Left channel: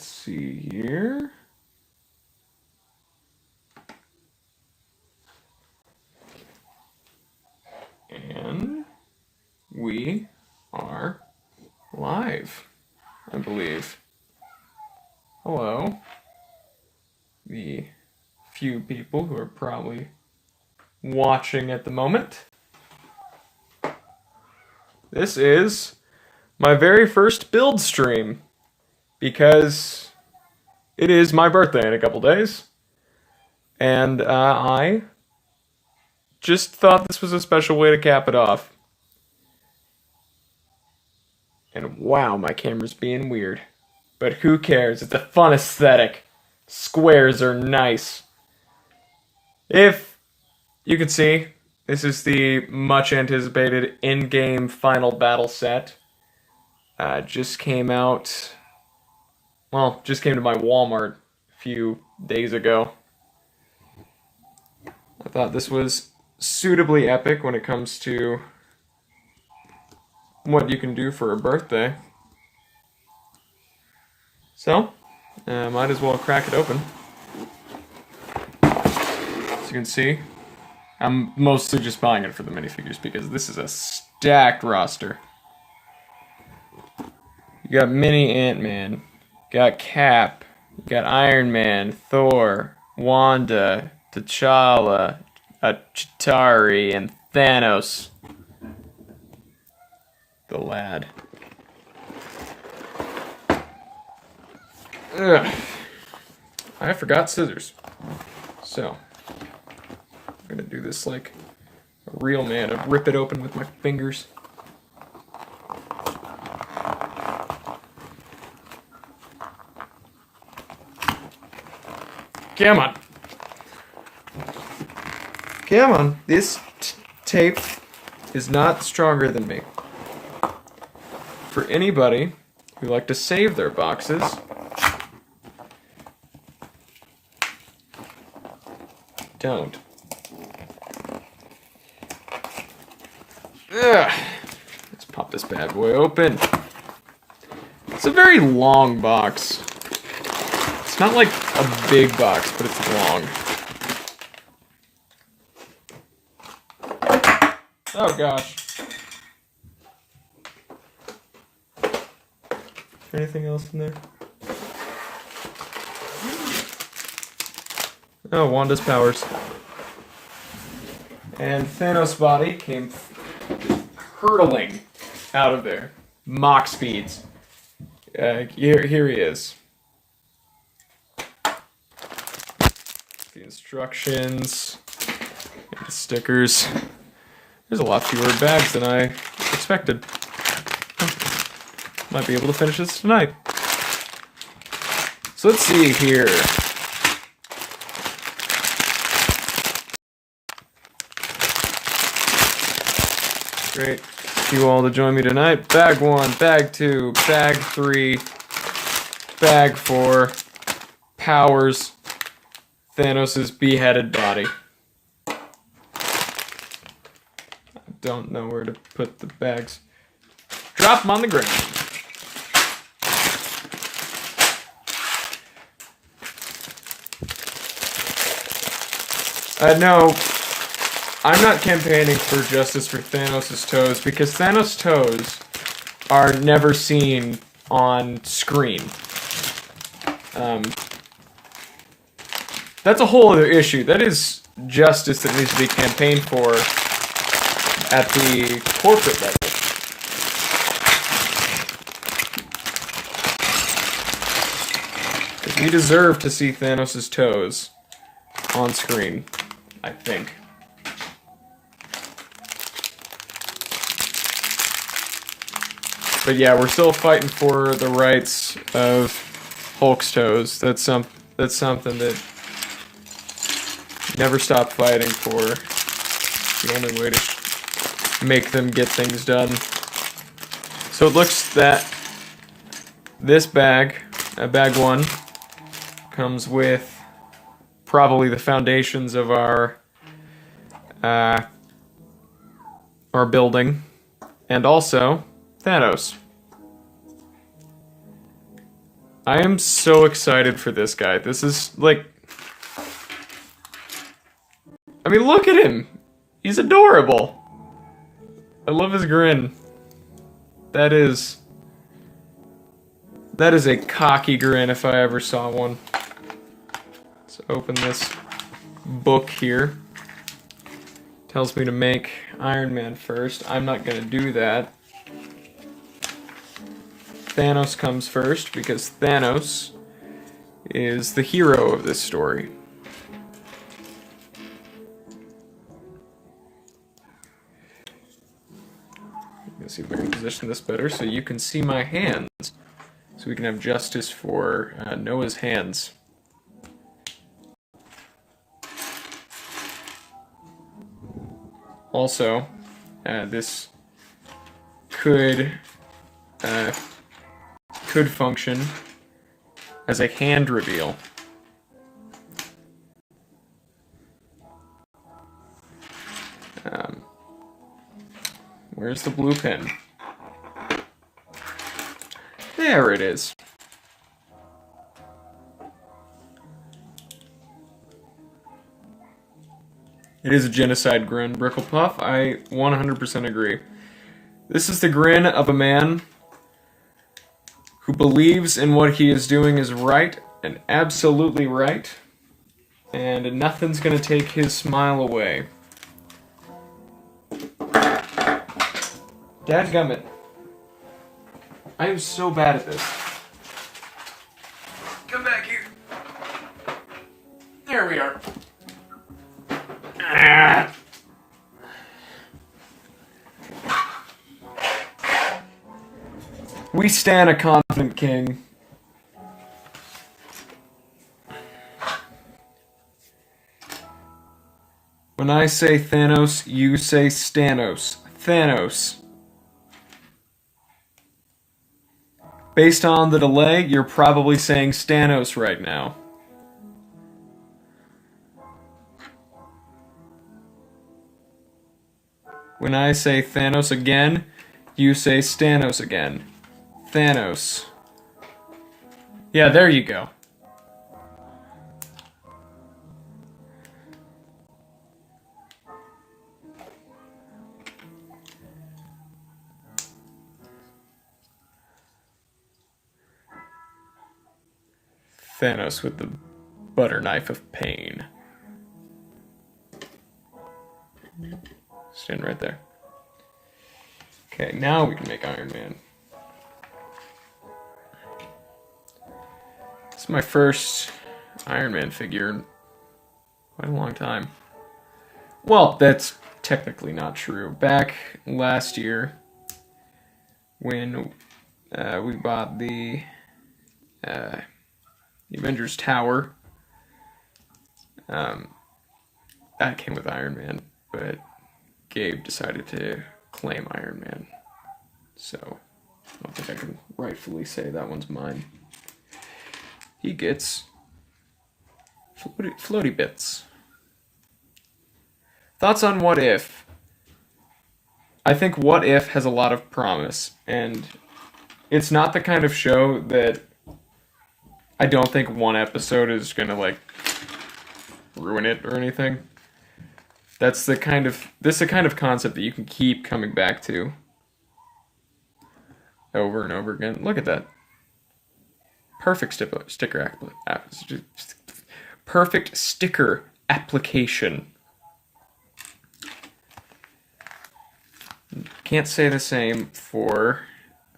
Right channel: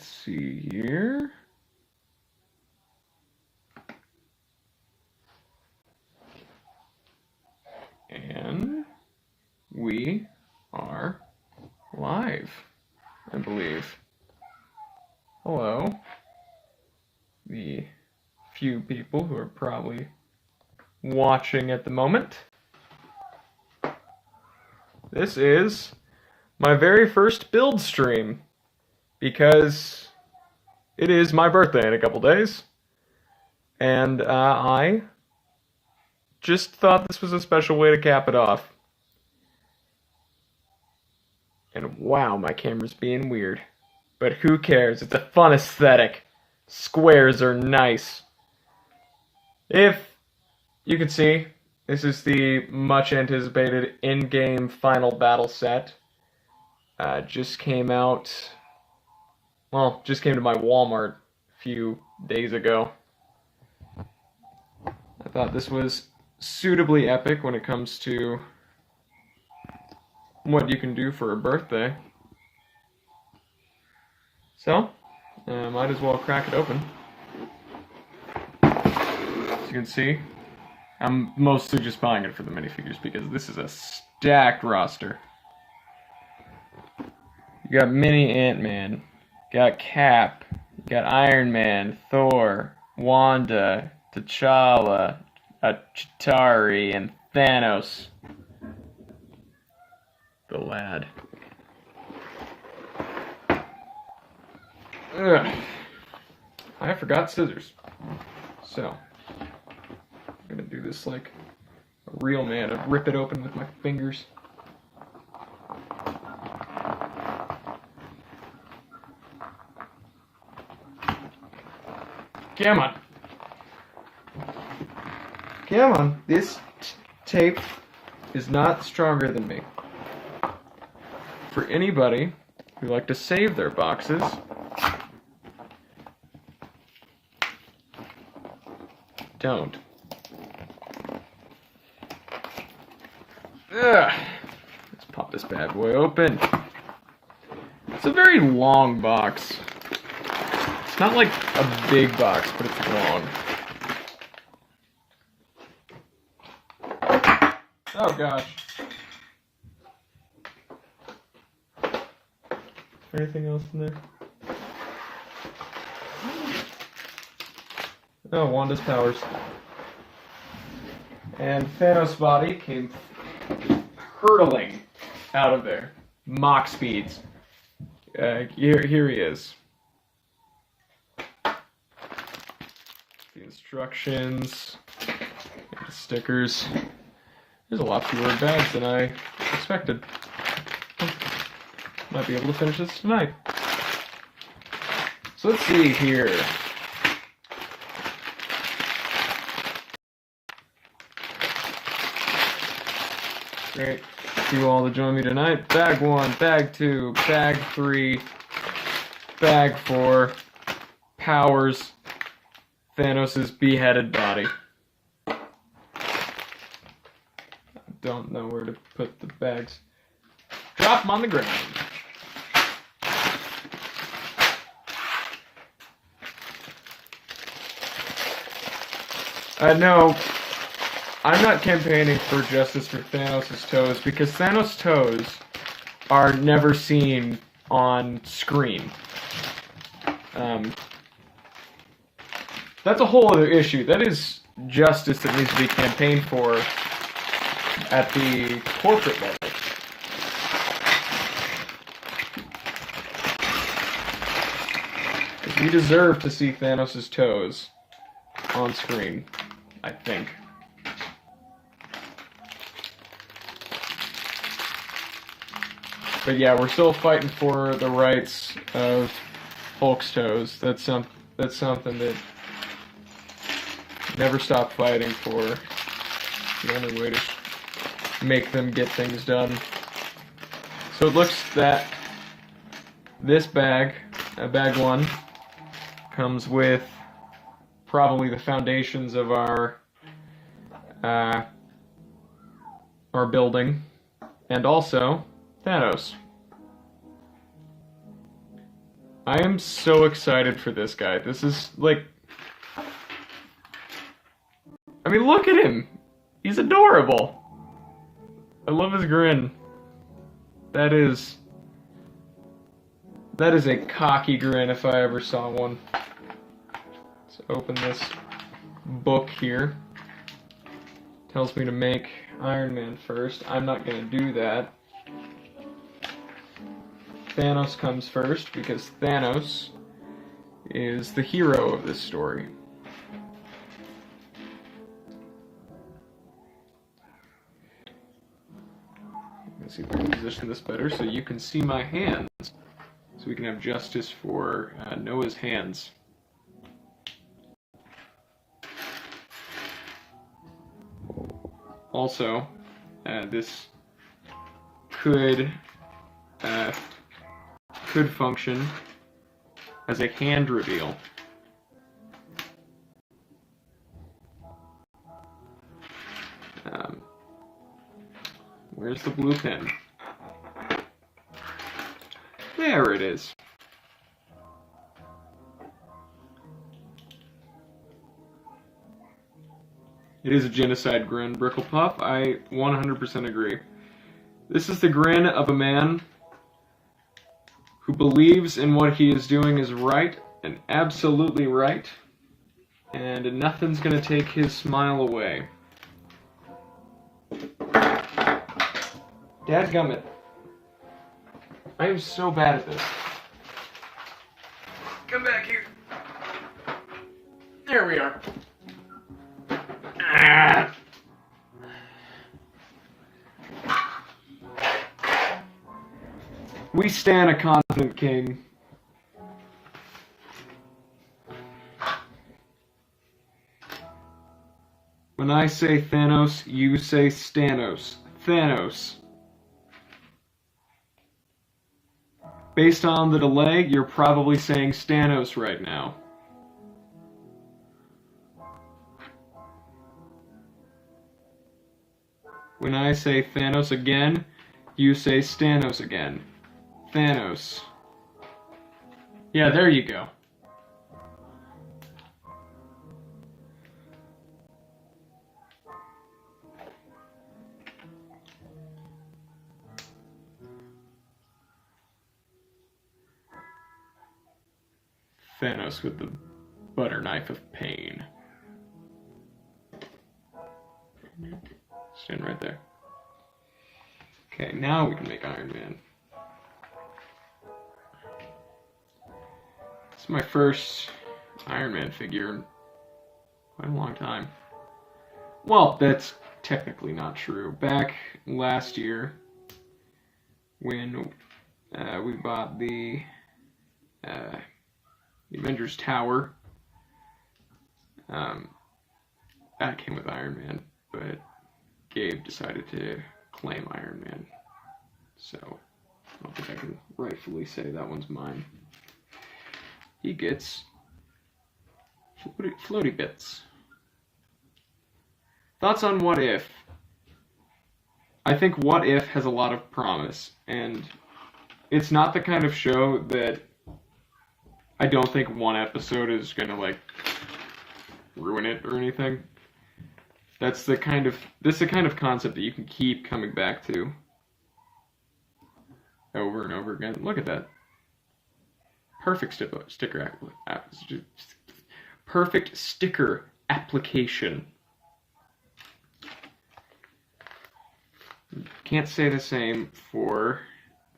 Let's see here. And we are live, I believe. Hello. The few people who are probably watching at the moment. This is my very first build stream because it is my birthday in a couple days. And I just thought this was a special way to cap it off. And wow, my camera's being weird. But who cares? It's a fun aesthetic. Squares are nice. If you can see, this is the much anticipated Endgame final battle set. Just came out, well, just came to my Walmart a few days ago. I thought this was suitably epic when it comes to what you can do for a birthday. So, might as well crack it open. As you can see, I'm mostly just buying it for the minifigures because this is a stacked roster. You got Mini Ant-Man, you got Cap, you got Iron Man, Thor, Wanda, T'Challa, Chitauri, and Thanos. The lad. Ugh. I forgot scissors. So, I'm gonna do this like a real man and rip it open with my fingers. Come on. Come on. This tape is not stronger than me. For anybody who like to save their boxes, don't. Ugh. Let's pop this bad boy open. It's a very long box. It's not like a big box, but it's long. Oh gosh. Anything else in there? Oh, Wanda's powers. And Thanos' body came hurtling out of there. Mach speeds. Here he is. The instructions. And the stickers. There's a lot fewer bags than I expected. Might be able to finish this tonight. So let's see here. Great. You all to join me tonight. Bag 1, Bag 2, Bag 3, Bag 4, Powers, Thanos' beheaded body. I don't know where to put the bags. Drop them on the ground. No, I'm not campaigning for justice for Thanos' toes because Thanos' toes are never seen on screen. That's a whole other issue. That is justice that needs to be campaigned for at the corporate level. We deserve to see Thanos' toes on screen, I think. But yeah, we're still fighting for the rights of Hulk's toes. That's something that never stop fighting for. The only way to make them get things done. So it looks that this bag, bag 1, comes with probably the foundations of our building, and also Thanos. I am so excited for this guy. This is like, I mean, look at him. He's adorable. I love his grin. That is a cocky grin if I ever saw one. Let's open this book here. Tells me to make Iron Man first. I'm not gonna do that. Thanos comes first because Thanos is the hero of this story. Let's see if I can position this better so you can see my hands. So we can have justice for Noah's hands. Also, this could function as a hand reveal. Where's the blue pen? There it is. It is a genocide grin, Bricklepuff. I 100% agree. This is the grin of a man who believes in what he is doing is right and absolutely right, and nothing's gonna take his smile away. Dadgummit. I am so bad at this. Come back here. There we are. Ah. We stand a confident king. When I say Thanos, you say Stanos. Thanos. Based on the delay, you're probably saying Stanos right now. When I say Thanos again, you say Stanos again. Thanos. Yeah, there you go. Thanos with the butter knife of pain. Stand right there. Okay, now we can make Iron Man. This is my first Iron Man figure in quite a long time. Well, that's technically not true. Back last year, when we bought the Avengers Tower, that came with Iron Man, but Gabe decided to claim Iron Man. So, I don't think I can rightfully say that one's mine. He gets floaty bits. Thoughts on What If? I think What If has a lot of promise, and it's not the kind of show that I don't think one episode is gonna, like, ruin it or anything. This is the kind of concept that you can keep coming back to over and over again. Look at that. Perfect perfect sticker application. Can't say the same for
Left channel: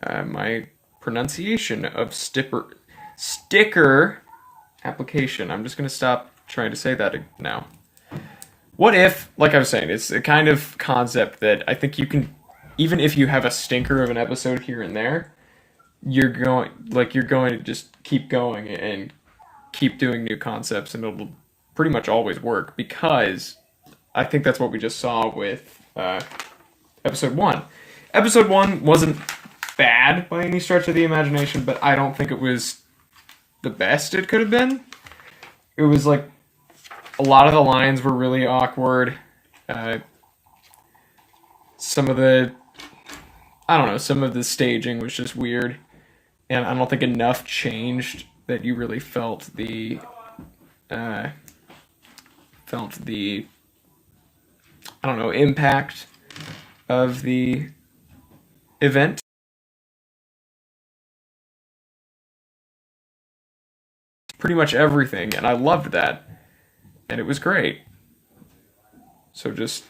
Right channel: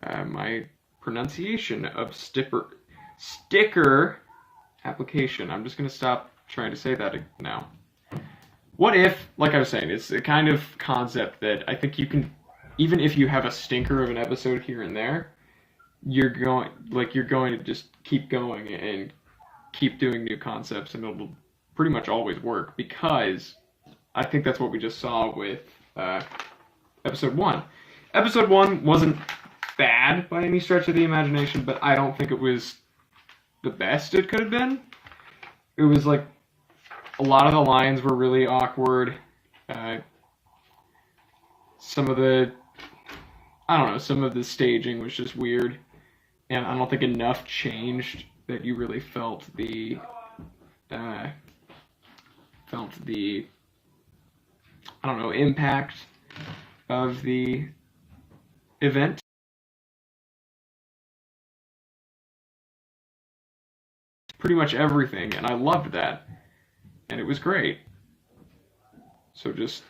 my pronunciation of sticker application. I'm just going to stop trying to say that now. What if, like I was saying, it's a kind of concept that I think you can, even if you have a stinker of an episode here and there, you're going to just keep going and keep doing new concepts, and it'll pretty much always work, because I think that's what we just saw with episode 1. Episode 1 wasn't bad by any stretch of the imagination, but I don't think it was the best it could have been. It was like a lot of the lines were really awkward. Some of the staging was just weird. and I don't think enough changed that you really uh, felt the I don't know, impact of the event. Pretty much everything, and I loved that, and it was great. So just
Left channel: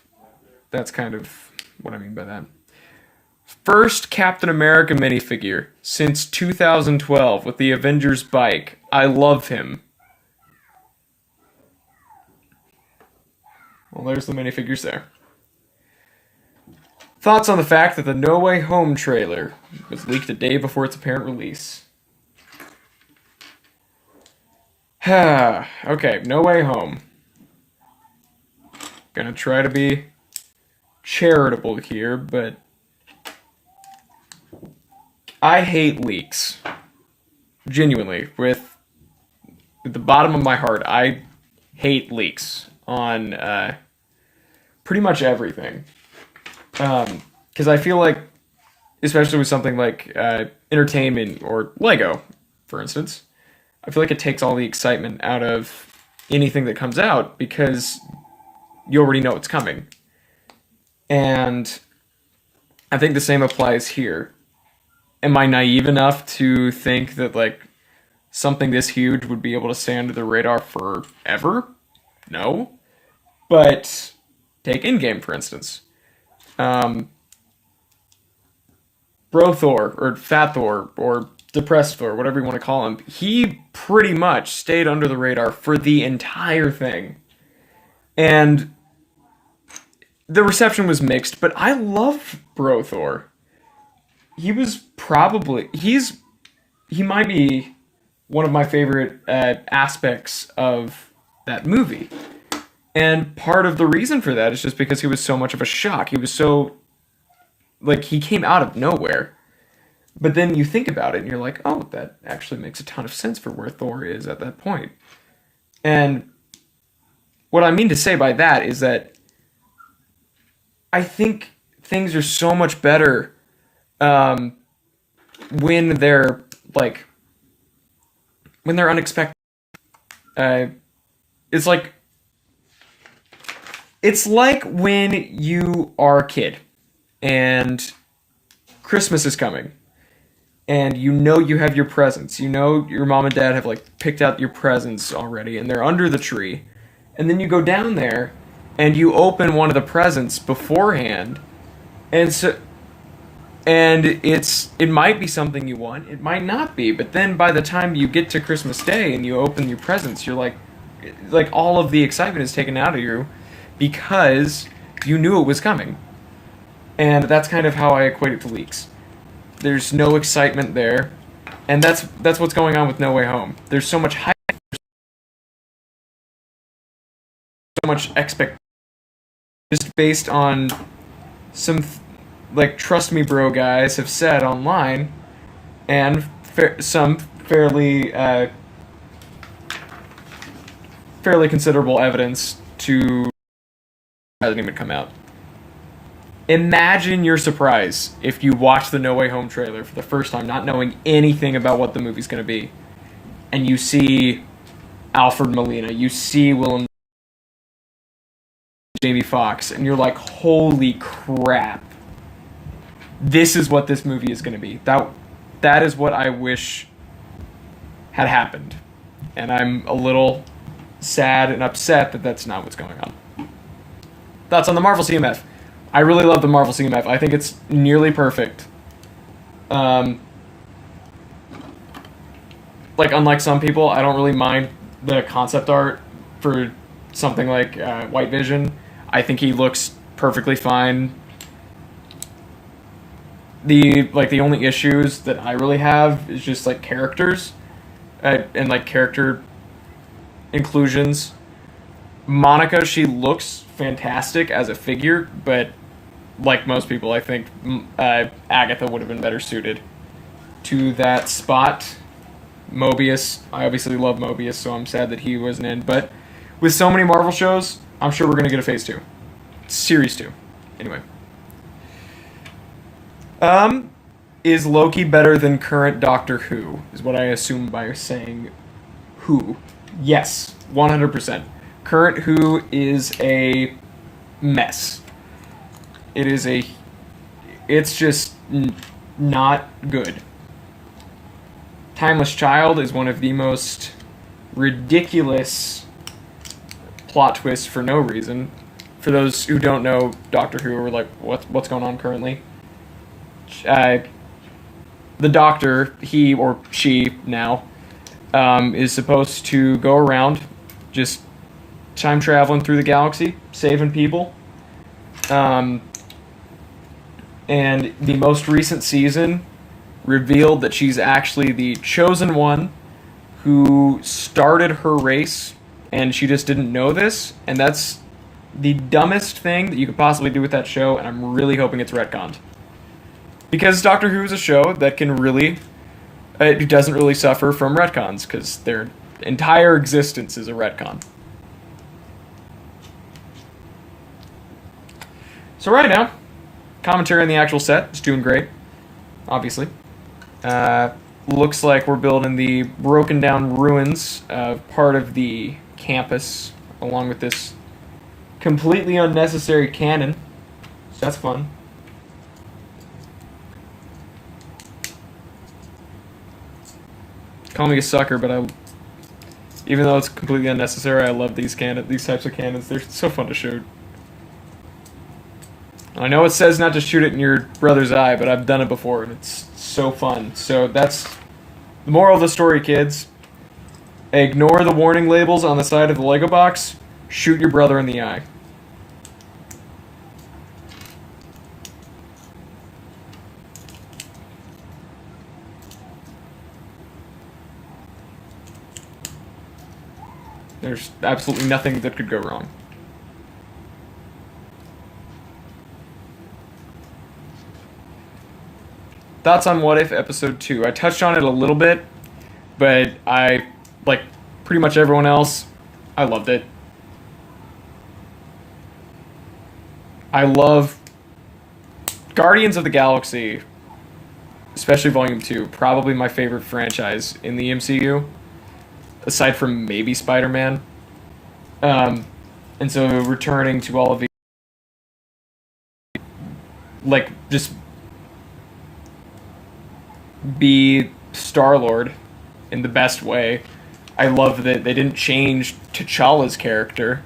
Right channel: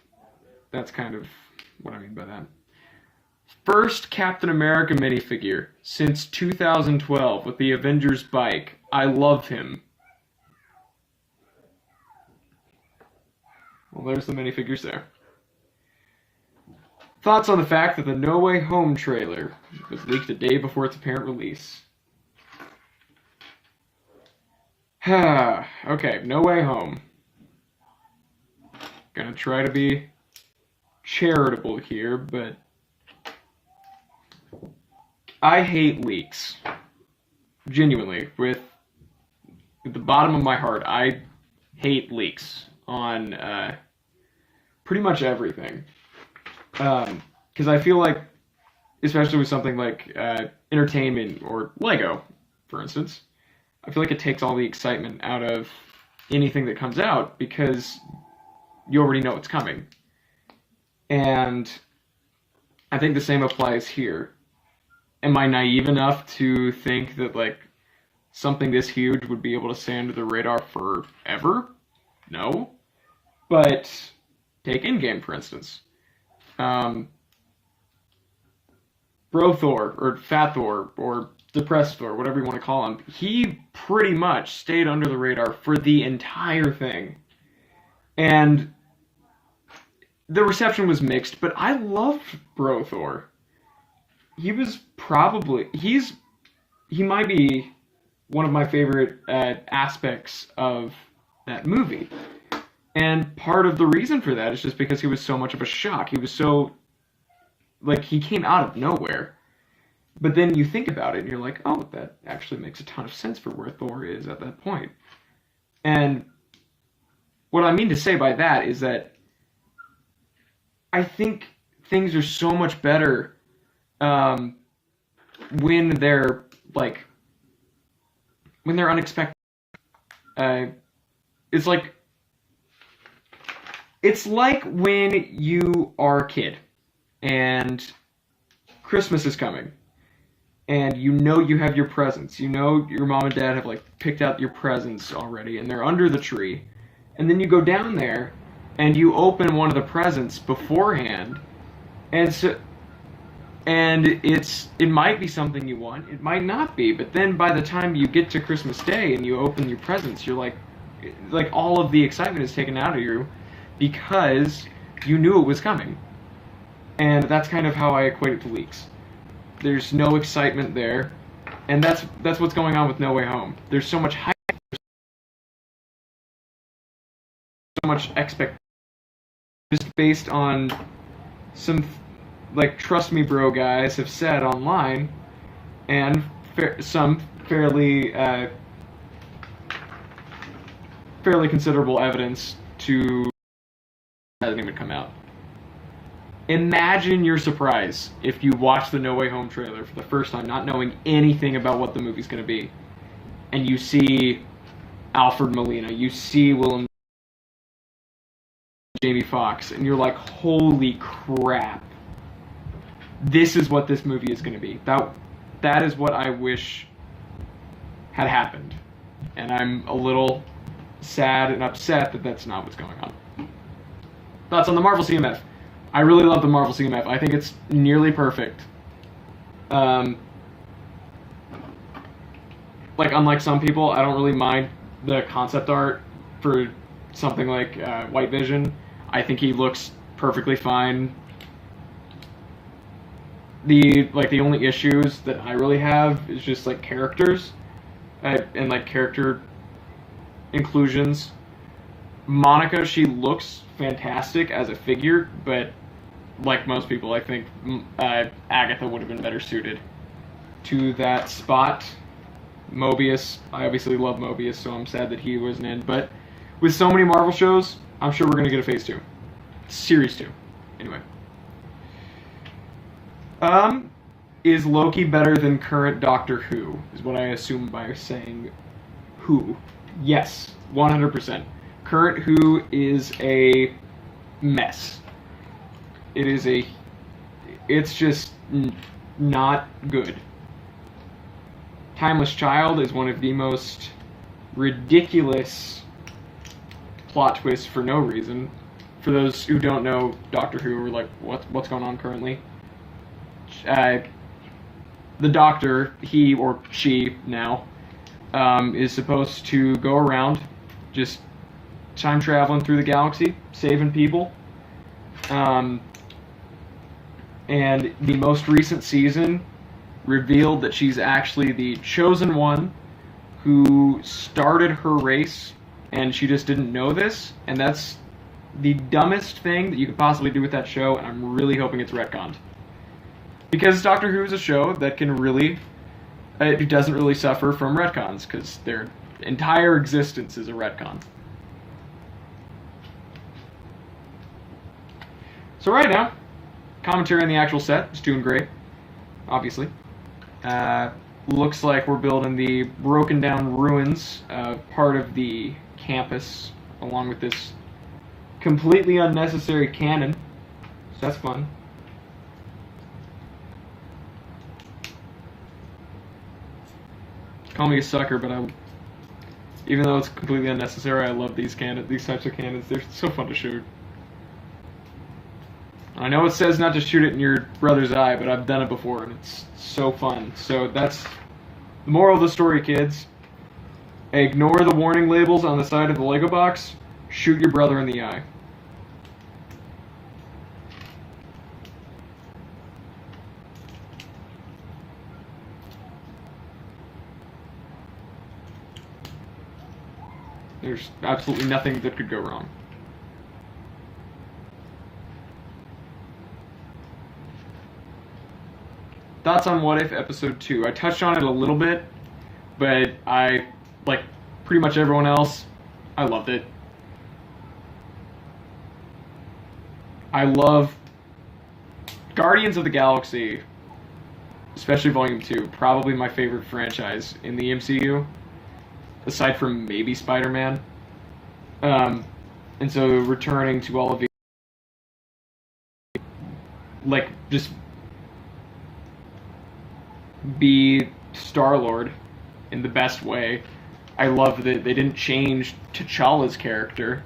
that's kind of what I mean by that. First Captain America minifigure since 2012 with the Avengers bike. I love him. Well, there's the minifigures there. Thoughts on the fact that the No Way Home trailer was leaked a day before its apparent release. Okay, No Way Home. Gonna try to be charitable here, but I hate leaks. Genuinely, with the bottom of my heart, I hate leaks on pretty much everything. Because I feel like, especially with something like entertainment or Lego, for instance, I feel like it takes all the excitement out of anything that comes out because you already know it's coming. And I think the same applies here. Am I naive enough to think that like something this huge would be able to stay under the radar forever? No. But take Endgame, for instance. Bro Thor, or Fat Thor, or Depressed Thor, whatever you want to call him, he pretty much stayed under the radar for the entire thing. And the reception was mixed, but I love Bro Thor. He might be one of my favorite aspects of that movie. And part of the reason for that is just because he was so much of a shock. He was so, like, he came out of nowhere. But then you think about it and you're like, oh, that actually makes a ton of sense for where Thor is at that point. And what I mean to say by that is that I think things are so much better when they're like when they're unexpected. It's like when you are a kid and Christmas is coming and you know you have your presents. You know your mom and dad have like picked out your presents already and they're under the tree. And then you go down there and you open one of the presents beforehand. And it might be something you want, it might not be, but then by the time you get to Christmas Day and you open your presents, you're like all of the excitement is taken out of you because you knew it was coming. And that's kind of how I equate it to leaks. There's no excitement there, and that's what's going on with No Way Home. There's so much hype, so much expectation, just based on some like trust me bro guys have said online, and some fairly considerable evidence to hasn't even come out. Imagine your surprise if you watch the No Way Home trailer for the first time, not knowing anything about what the movie's going to be, and you see Alfred Molina, you see Willem, Jamie Foxx, and you're like, holy crap. This is what this movie is going to be. That is what I wish had happened. And I'm a little sad and upset that that's not what's going on. Thoughts on the Marvel CMF? I really love the Marvel CMF. I think it's nearly perfect. Like, unlike some people, I don't really mind the concept art for something like White Vision. I think he looks perfectly fine. The only issues that I really have is just like characters and like character inclusions. Monica, she looks fantastic as a figure, but like most people, I think Agatha would have been better suited to that spot. Mobius, I obviously love Mobius, so I'm sad that he wasn't in. But with so many Marvel shows, I'm sure we're going to get a Phase 2. Series 2. Anyway. Is Loki better than current Doctor Who? Is what I assume by saying Who. Yes, 100%. Current Who is a mess. It is a. It's just not good. Timeless Child is one of the most ridiculous plot twists for no reason. For those who don't know Doctor Who, are like, what's going on currently? The Doctor, he or she now, is supposed to go around just time traveling through the galaxy, saving people. And the most recent season revealed that she's actually the chosen one who started her race, and she just didn't know this, and that's the dumbest thing that you could possibly do with that show, and I'm really hoping it's retconned. Because Doctor Who is a show that can really, it doesn't really suffer from retcons, because their entire existence is a retcon. So right now, commentary on the actual set is doing great, obviously. Looks like we're building the broken down ruins of part of the campus, along with this completely unnecessary cannon. So that's fun. Call me a sucker, but even though it's completely unnecessary, I love these types of cannons. They're so fun to shoot. I know it says not to shoot it in your brother's eye, but I've done it before, and it's so fun. So that's the moral of the story, kids. Ignore the warning labels on the side of the Lego box. Shoot your brother in the eye. There's absolutely nothing that could go wrong. Thoughts on What If Episode 2? I touched on it a little bit, but I, like pretty much everyone else, I loved it. I love Guardians of the Galaxy, especially Volume 2, probably my favorite franchise in the MCU, aside from maybe Spider-Man. And so returning to all of the, like, just be Star-Lord in the best way. I love that they didn't change T'Challa's character.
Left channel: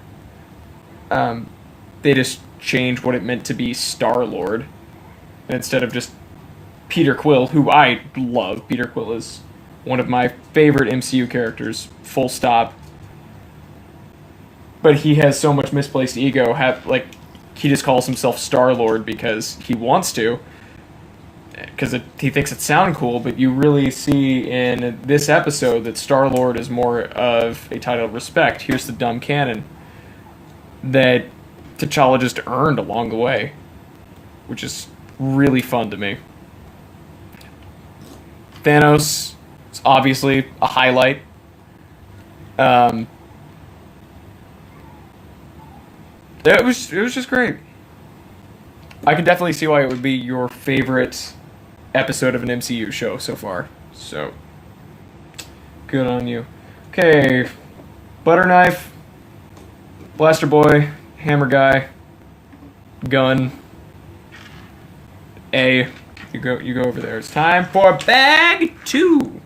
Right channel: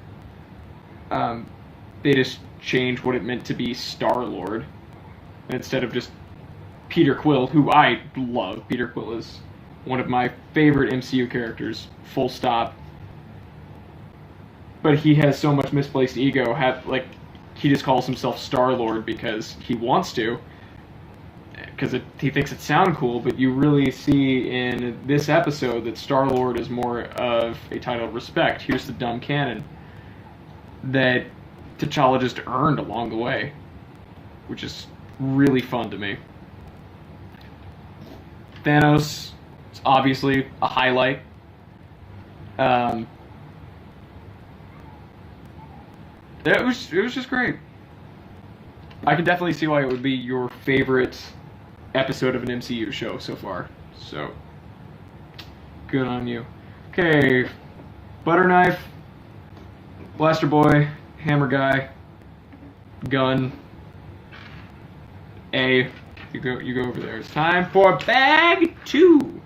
They just changed what it meant to be Star-Lord. And instead of just Peter Quill, who I love. Peter Quill is one of my favorite MCU characters, full stop. But he has so much misplaced ego. He just calls himself Star-Lord because he wants to. Because he thinks it sounds cool, but you really see in this episode that Star-Lord is more of a title of respect. Here's the dumb canon that T'Challa just earned along the way, which is really fun to me. Thanos is obviously a highlight. It was just great. I can definitely see why it would be your favorite episode of an MCU show so far. So, good on you. Okay, Butter Knife, Blaster Boy, Hammer Guy, Gun, A. You go over there. It's time for Bag 2.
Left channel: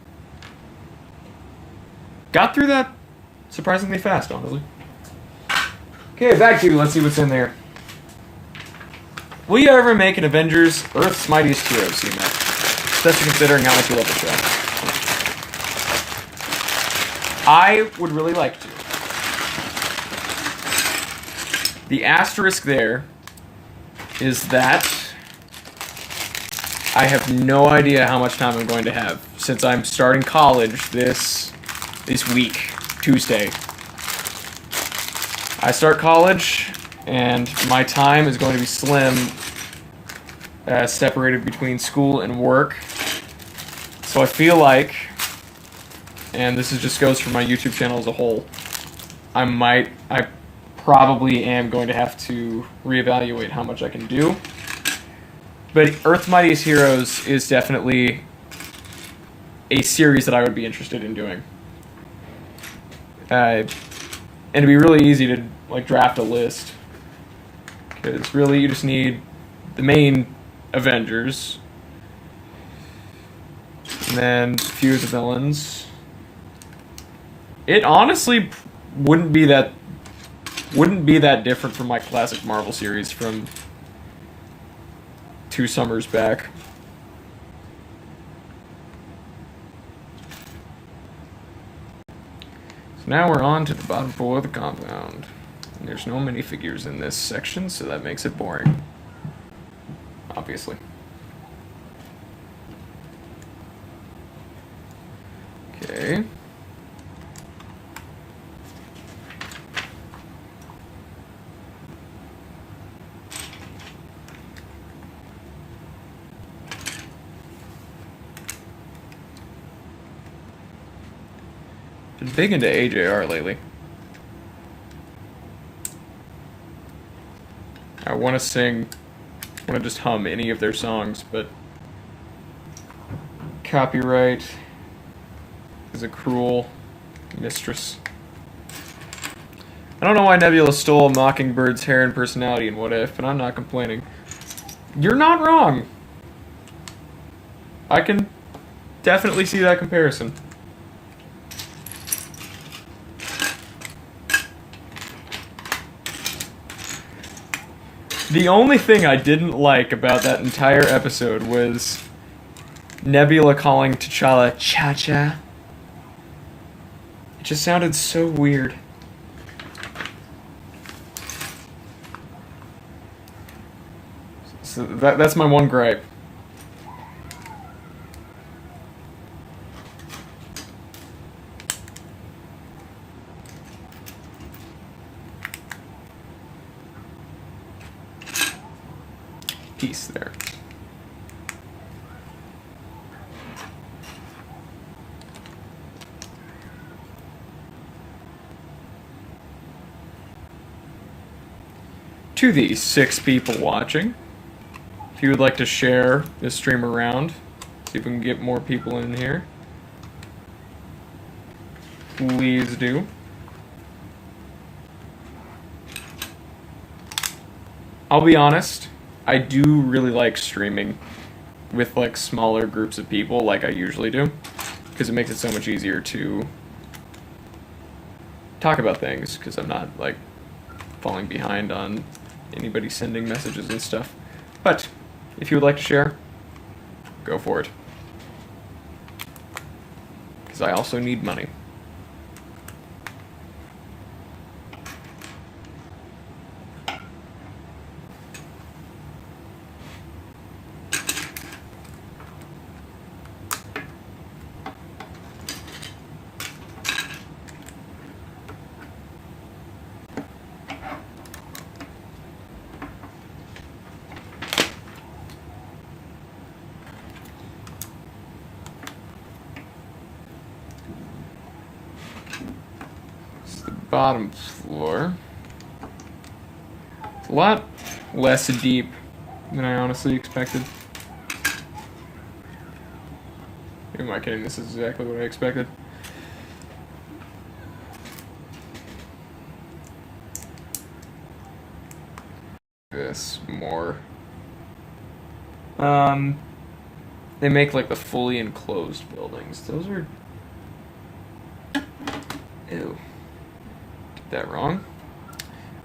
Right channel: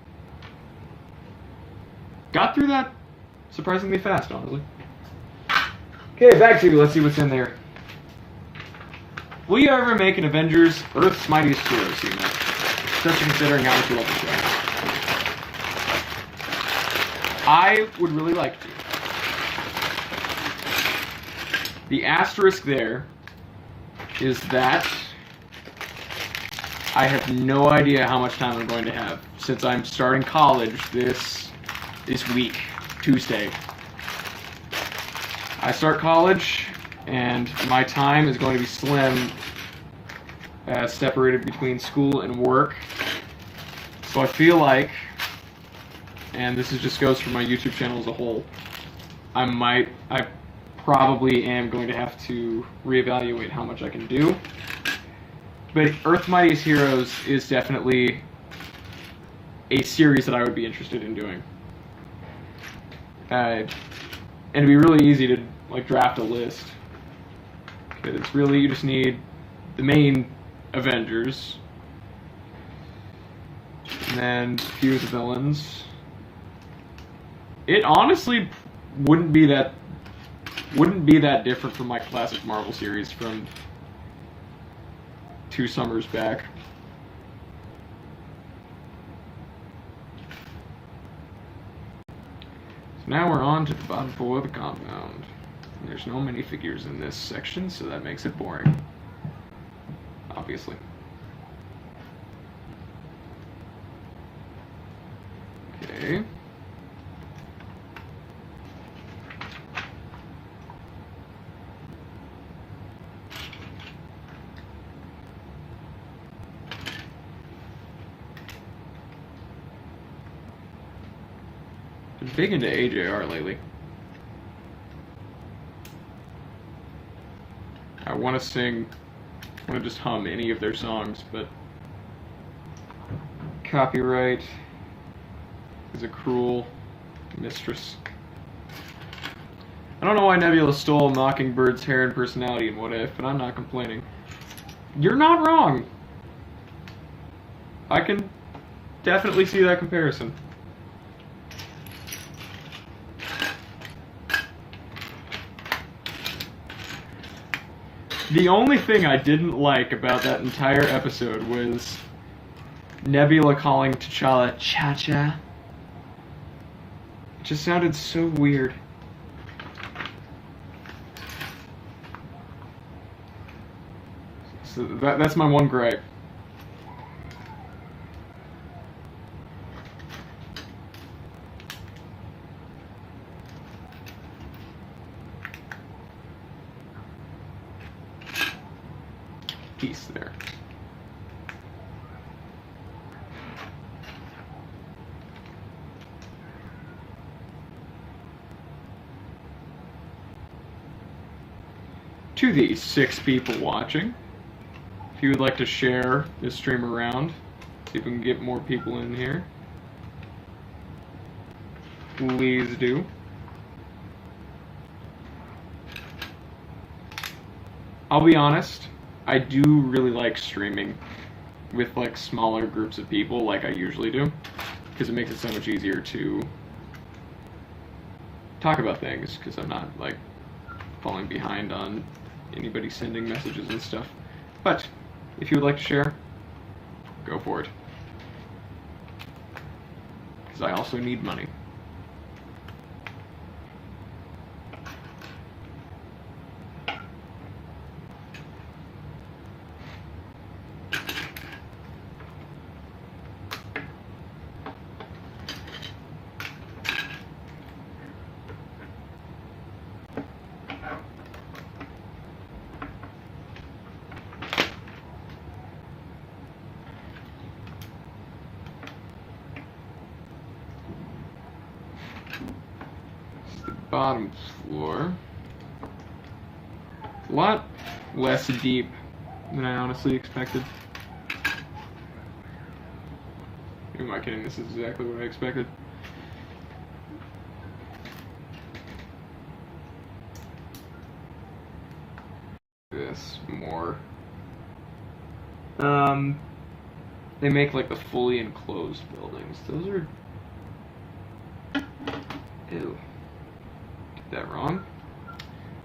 Got through that surprisingly fast, honestly. Okay, Bag 2. Let's see what's in there. Will you ever make an Avengers Earth's Mightiest Heroes team up? Especially considering how much you love the show. I would really like to. The asterisk there is that I have no idea how much time I'm going to have since I'm starting college this week, Tuesday. I start college, and my time is going to be slim, separated between school and work. So I feel like, and this just goes for my YouTube channel as a whole, I probably am going to have to reevaluate how much I can do. But Earth's Mightiest Heroes is definitely a series that I would be interested in doing. And it'd be really easy to like draft a list, because really you just need the main Avengers, and then a few of the villains. It honestly wouldn't be that different from my classic Marvel series from 2 summers back. So now we're on to the bottom floor of the compound. There's no minifigures in this section, so that makes it boring. Obviously. Okay. Been big into AJR lately. I want to just hum any of their songs, but copyright is a cruel mistress. I don't know why Nebula stole Mockingbird's hair and personality in What If, but I'm not complaining. You're not wrong. I can definitely see that comparison. The only thing I didn't like about that entire episode was Nebula calling T'Challa Cha-Cha. It just sounded so weird. So that's my one gripe. Piece there. To the 6 people watching, if you would like to share this stream around, see if we can get more people in here, please do. I'll be honest, I do really like streaming with like smaller groups of people like I usually do, because it makes it so much easier to talk about things, because I'm not like falling behind on anybody sending messages and stuff. But if you would like to share, go for it, because I also need money. Bottom floor. It's a lot less deep than I honestly expected. Who am I kidding? This is exactly what I expected. This more. They make like the fully enclosed buildings. Those are. Ew. Did that wrong.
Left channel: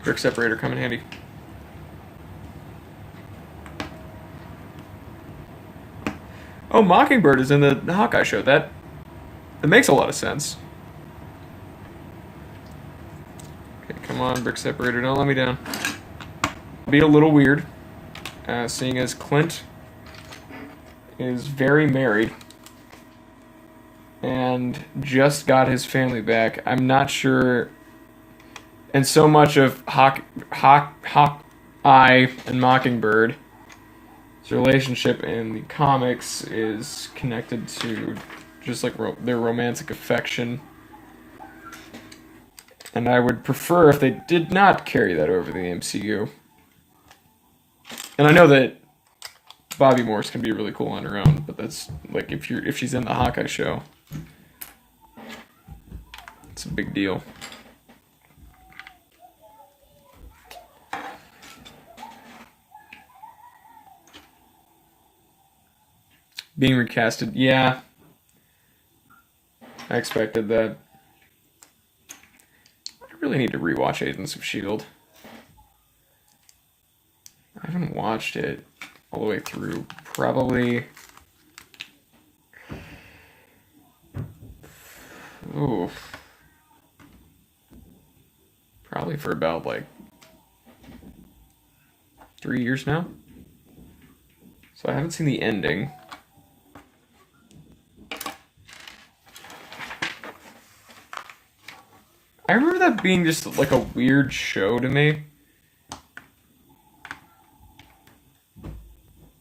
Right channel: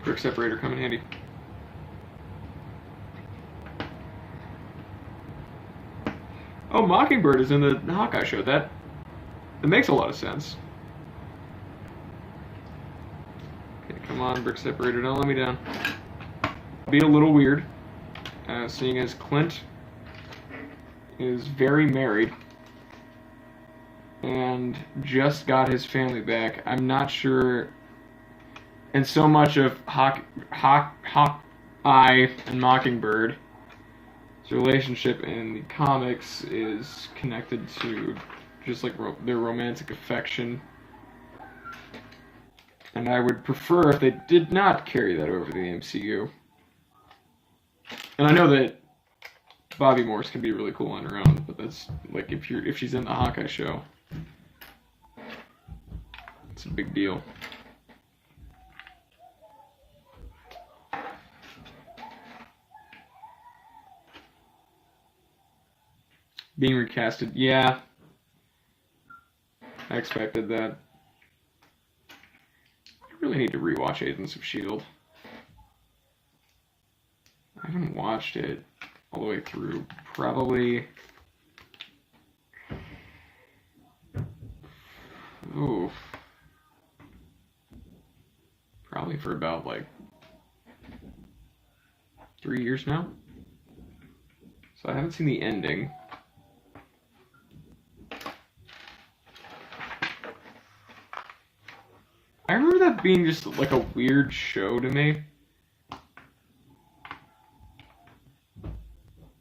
Brick separator come in handy. Oh, Mockingbird is in the Hawkeye show. That makes a lot of sense. Okay, come on, brick separator, don't let me down. It'll be a little weird, seeing as Clint is very married and just got his family back. I'm not sure. And so much of Hawkeye and Mockingbird, his relationship in the comics is connected to just like their romantic affection. And I would prefer if they did not carry that over to the MCU. And I know that Bobby Morse can be really cool on her own, but that's like if she's in the Hawkeye show, it's a big deal. Being recasted, yeah. I expected that. I really need to rewatch Agents of S.H.I.E.L.D. I haven't watched it all the way through. Probably. Ooh. Probably for about like 3 years now. So I haven't seen the ending. I remember that being just like a weird show to me.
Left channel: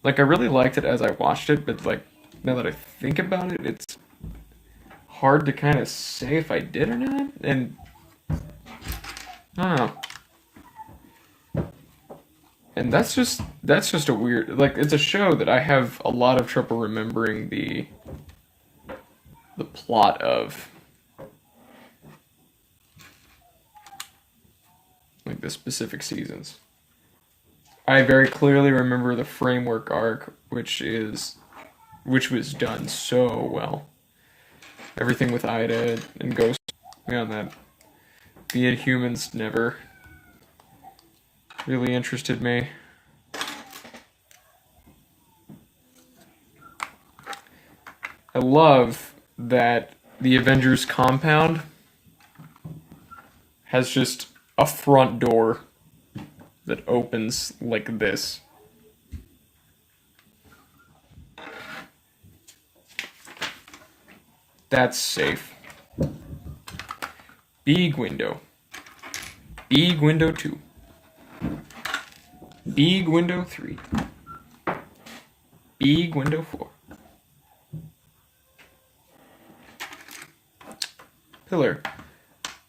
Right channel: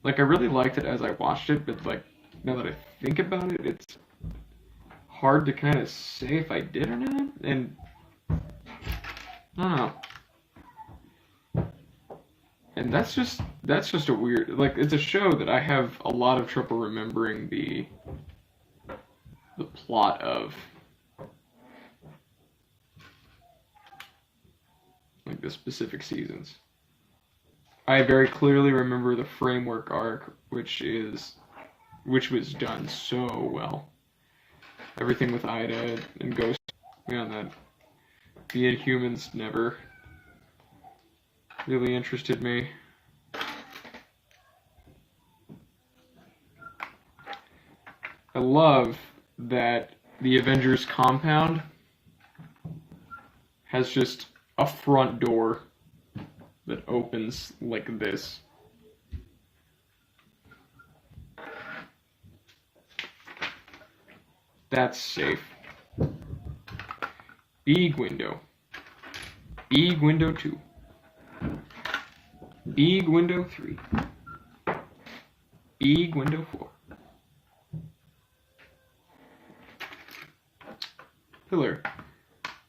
Like I really liked it as I watched it, but like now that I think about it, it's hard to kind of say if I did or not. And I don't know. And that's just a weird, like it's a show that I have a lot of trouble remembering the plot of. Like the specific seasons. I very clearly remember the framework arc, which was done so well. Everything with Ida and Ghost, man, that the Inhumans never really interested me. I love that the Avengers compound has just a front door that opens like this. That's safe. Big window. Big window 2. Big window 3. Big window 4. Pillar.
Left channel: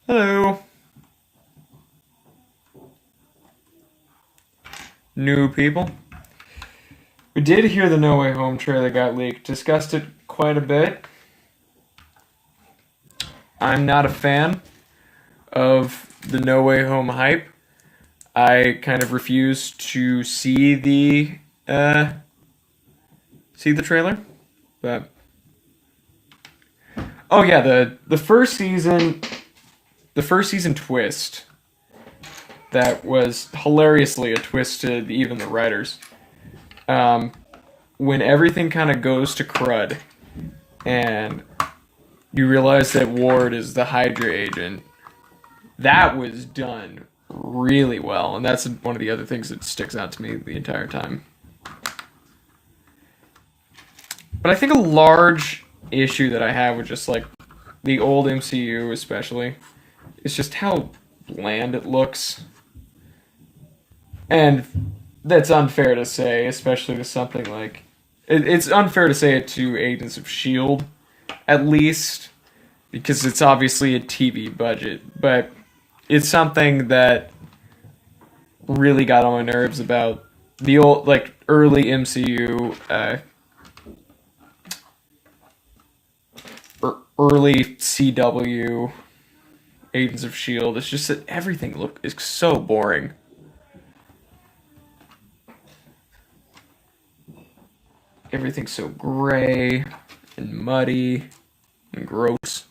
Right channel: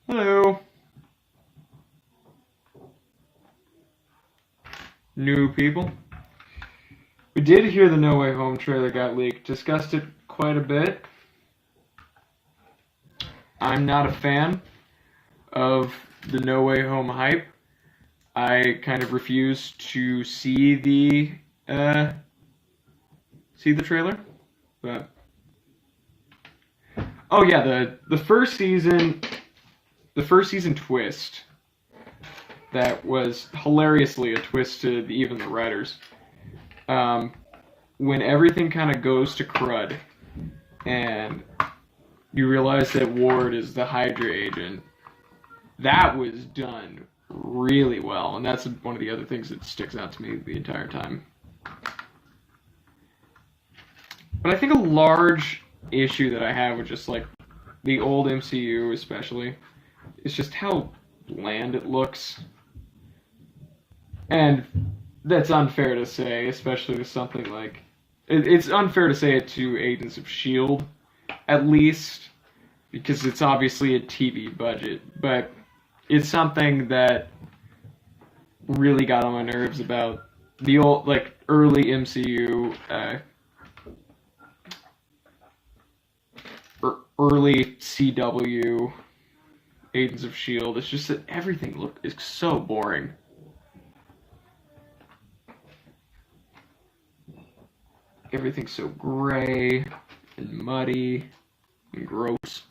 Hello. New people. We did hear the No Way Home trailer got leaked. Discussed it quite a bit. I'm not a fan of the No Way Home hype. I kind of refuse to see the trailer. But oh yeah, the first season twist. That was hilariously a twist to even the writers. When everything kind of goes to crud, and you realize that Ward is the Hydra agent, that was done really well, and that's one of the other things that sticks out to me the entire time. But I think a large issue that I have with just like the old MCU especially is just how bland it looks. And that's unfair to say, especially with something like... It's unfair to say it to Agents of S.H.I.E.L.D., at least, because it's obviously a TV budget, but it's something that really got on my nerves about the old, like, early MCU, early CW, Agents of S.H.I.E.L.D. It's just that everything is so boring. Everything's so gray and muddy and gross.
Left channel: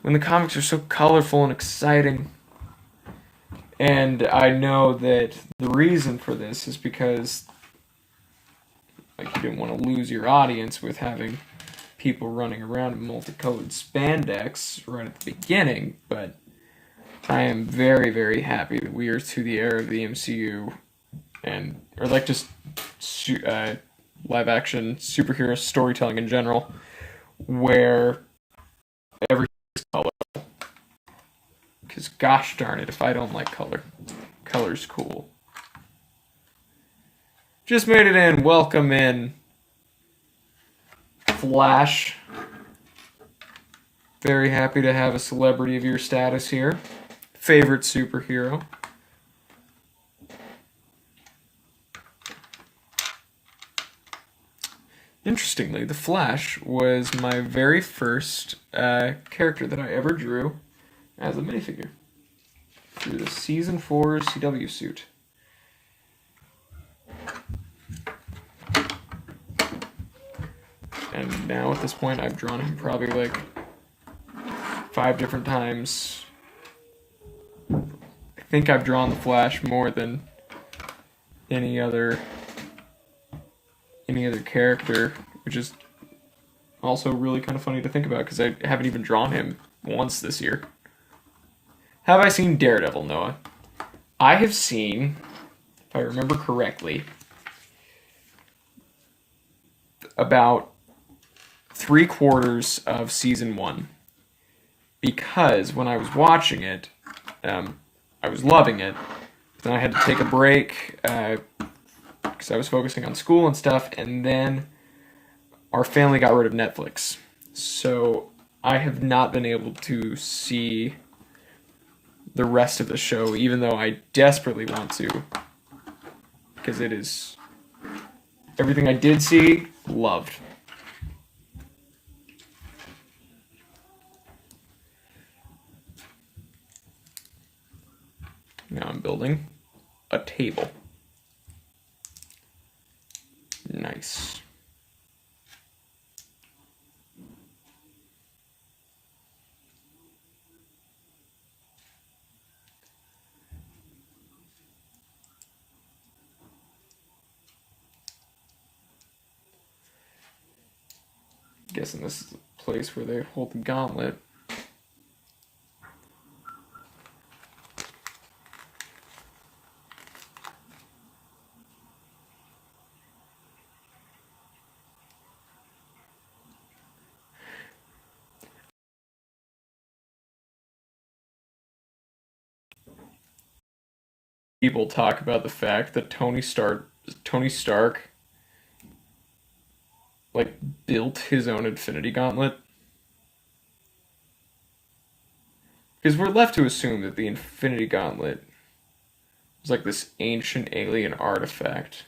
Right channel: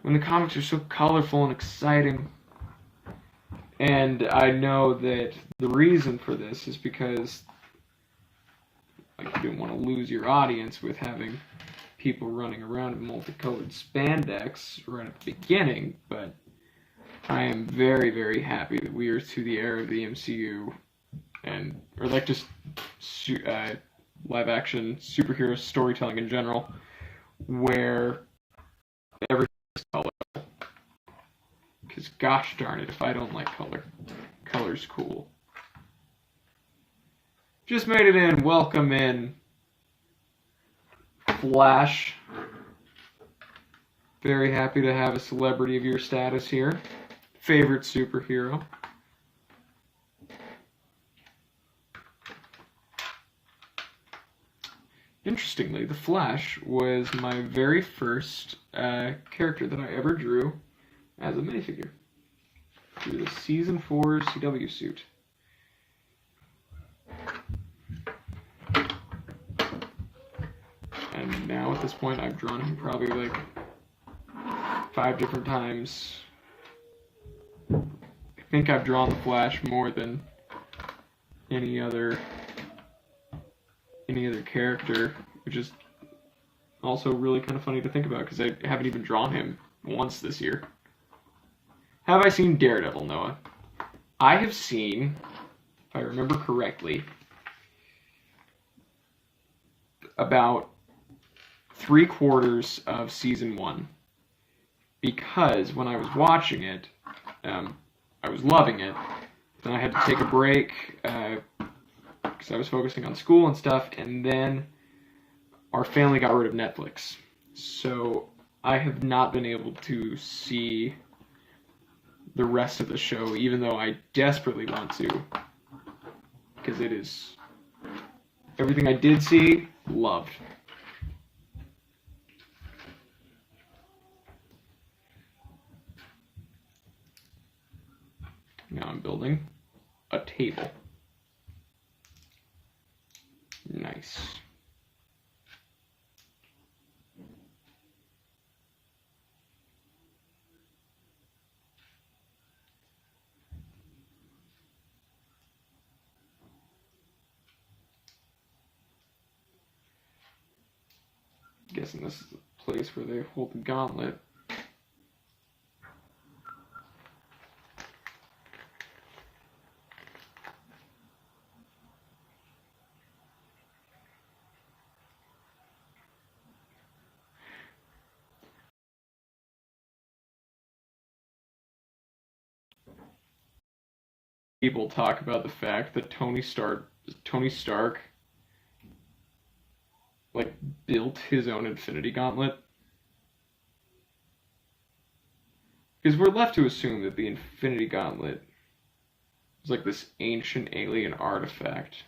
When the comics are so colorful and exciting. And I know that the reason for this is because like you didn't want to lose your audience with having people running around in multicolored spandex right at the beginning, but I am very, very happy that we are to the era of the MCU or like just live action superhero storytelling in general, where everything is colorful. Because gosh darn it, if I don't like color, color's cool. Just made it in. Welcome in, Flash. Very happy to have a celebrity of your status here. Favorite superhero. Interestingly, the Flash was my very first character that I ever drew as a minifigure through the Season 4 CW suit. And now at this point, I've drawn him probably like 5 different times. I think I've drawn the Flash more than any other character, which is also really kind of funny to think about because I haven't even drawn him once this year. Have I seen Daredevil, Noah? I have seen, if I remember correctly, about 3/4 of season 1. Because when I was watching it, I was loving it. Then I had to take a break because I was focusing on school and stuff, and then our family got rid of Netflix. So I have not been able to see the rest of the show, even though I desperately want to, because it is everything I did see, loved. Now I'm building a table. Nice. Guessing this is the place where they hold the gauntlet. People talk about the fact that Tony Stark like built his own Infinity Gauntlet. Because we're left to assume that the Infinity Gauntlet was like this ancient alien artifact,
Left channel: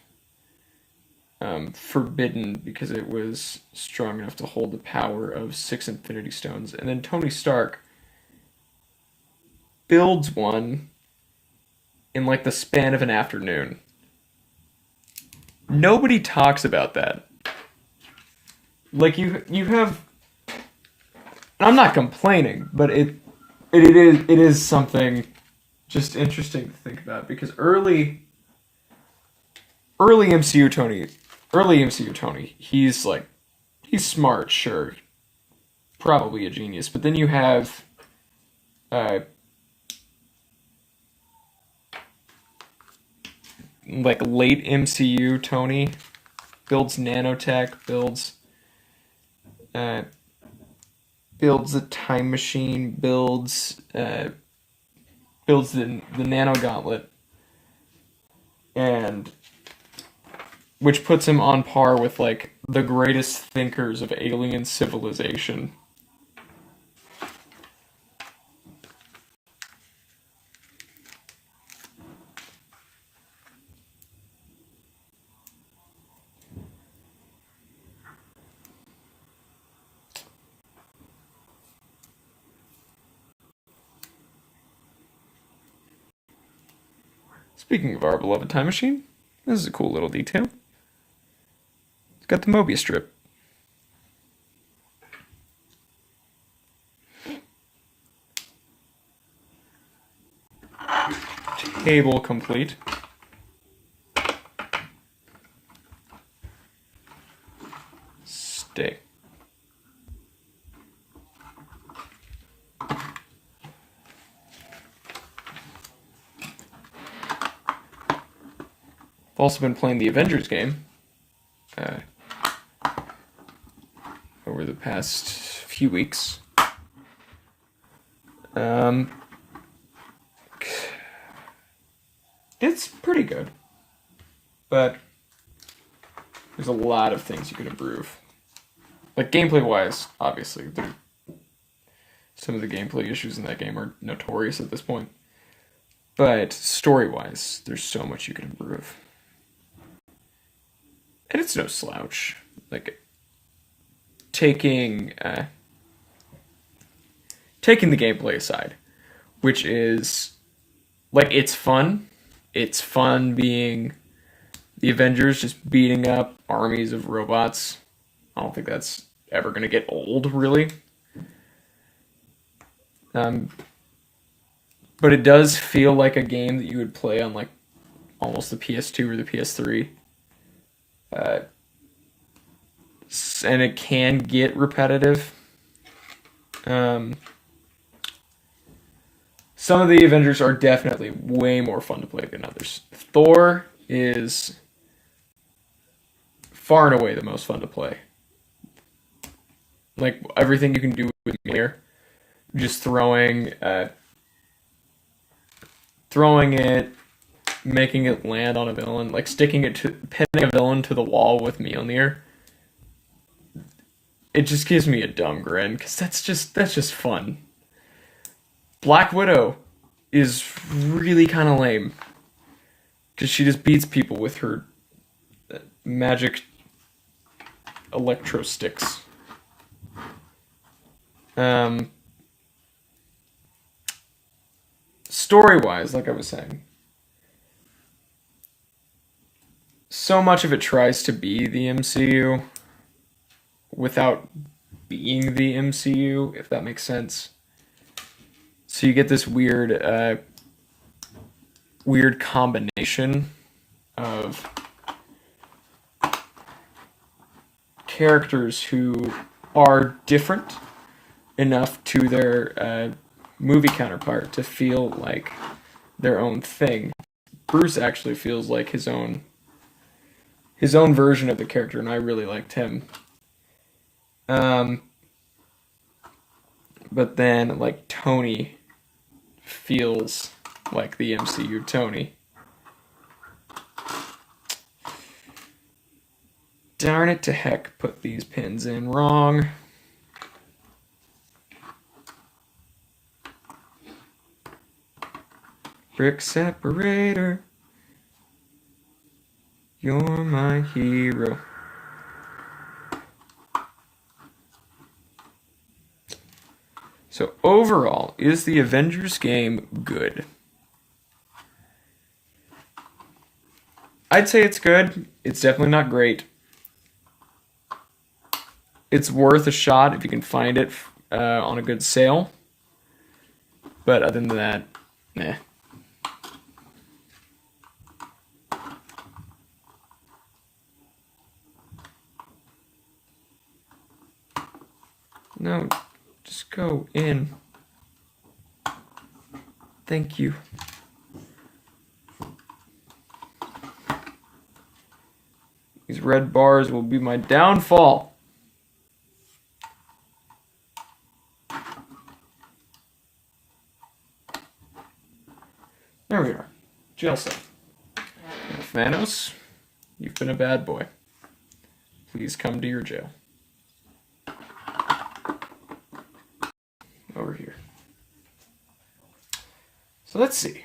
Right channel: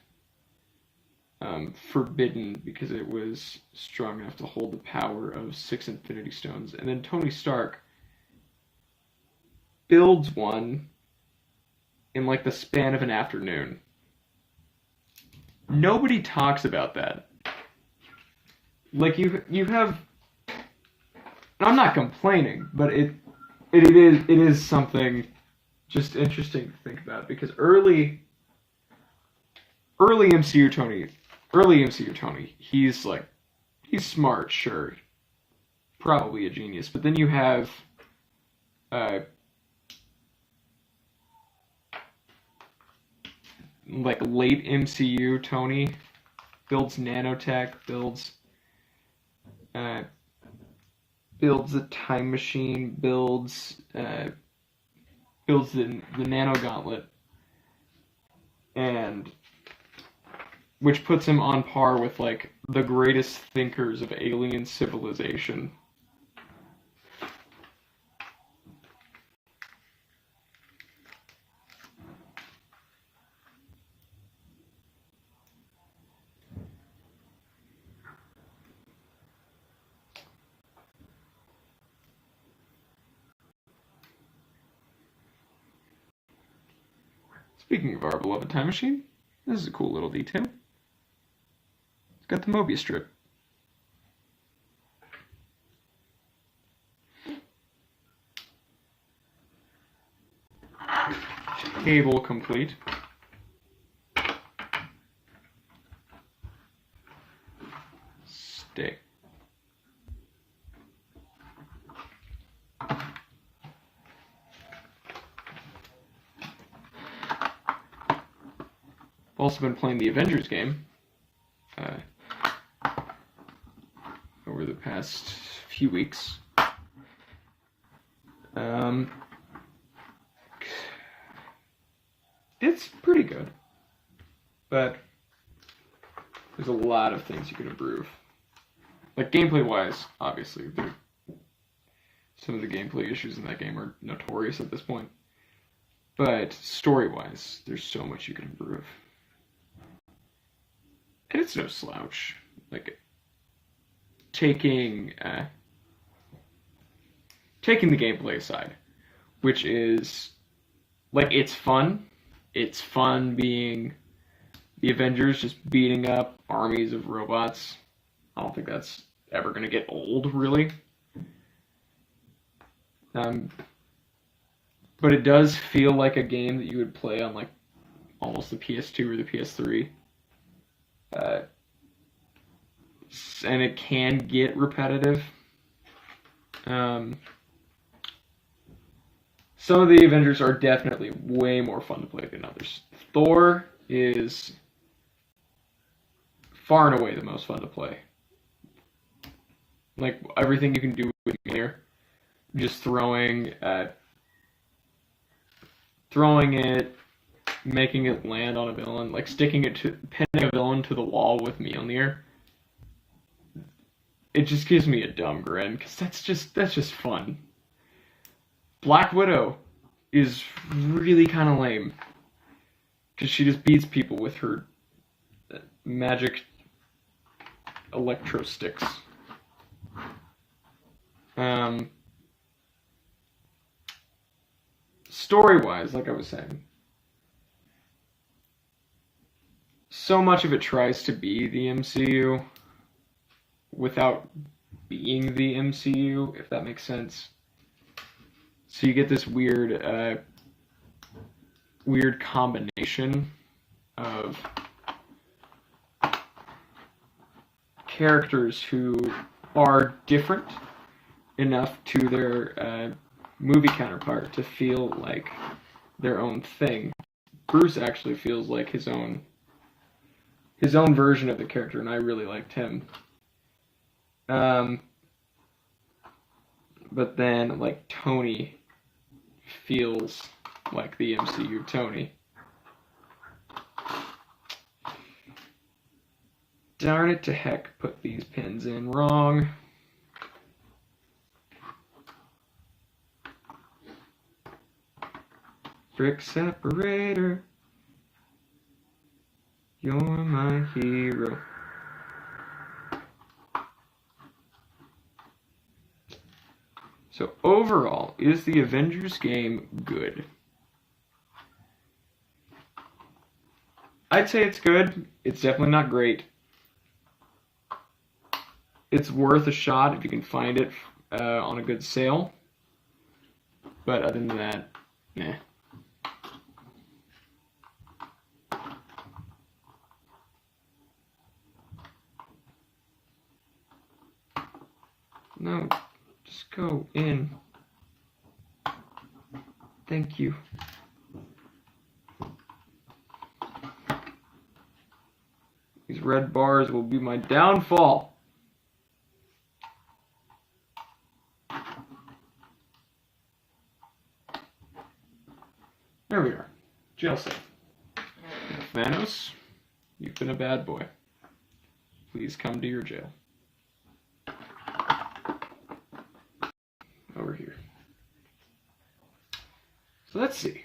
forbidden because it was strong enough to hold the power of 6 Infinity Stones. And then Tony Stark builds one in like the span of an afternoon. Nobody talks about that. Like you have, and I'm not complaining, but it is something just interesting to think about because early MCU Tony, he's smart, sure, probably a genius, but then you have like late MCU Tony builds nanotech, builds a time machine, builds the nano gauntlet, and which puts him on par with like the greatest thinkers of alien civilization. Speaking of our beloved time machine, this is a cool little detail. It's got the Mobius strip. Table complete. Stay. I've also been playing the Avengers game over the past few weeks. It's pretty good, but there's a lot of things you can improve. Like gameplay-wise, obviously, some of the gameplay issues in that game are notorious at this point. But story-wise, there's so much you can improve. And it's no slouch. Like, taking taking the gameplay aside, which is like it's fun. It's fun being the Avengers just beating up armies of robots. I don't think that's ever going to get old, really. Um, but it does feel like a game that you would play on like almost the PS2 or the PS3. Uh, and it can get repetitive. Um, some of the Avengers are definitely way more fun to play than others. Thor is far and away the most fun to play. Like everything you can do with here, just throwing it, making it land on a villain, like pinning a villain to the wall with Mjolnir. It just gives me a dumb grin because that's just fun. Black Widow is really kind of lame because she just beats people with her magic electro sticks. Story-wise, like I was saying, so much of it tries to be the MCU without being the MCU, if that makes sense. So you get this weird combination of characters who are different enough to their movie counterpart to feel like their own thing. Bruce actually feels like his own version of the character, and I really liked him. But then like Tony feels like the MCU Tony. Darn it to heck, put these pins in wrong. Brick separator, you're my hero. So overall, is the Avengers game good? I'd say it's good. It's definitely not great. It's worth a shot if you can find it on a good sale. But other than that, nah. No, just go in. Thank you. These red bars will be my downfall. There we are. Jail cell. Thanos, you've been a bad boy. Please come to your jail. Over here. So let's see.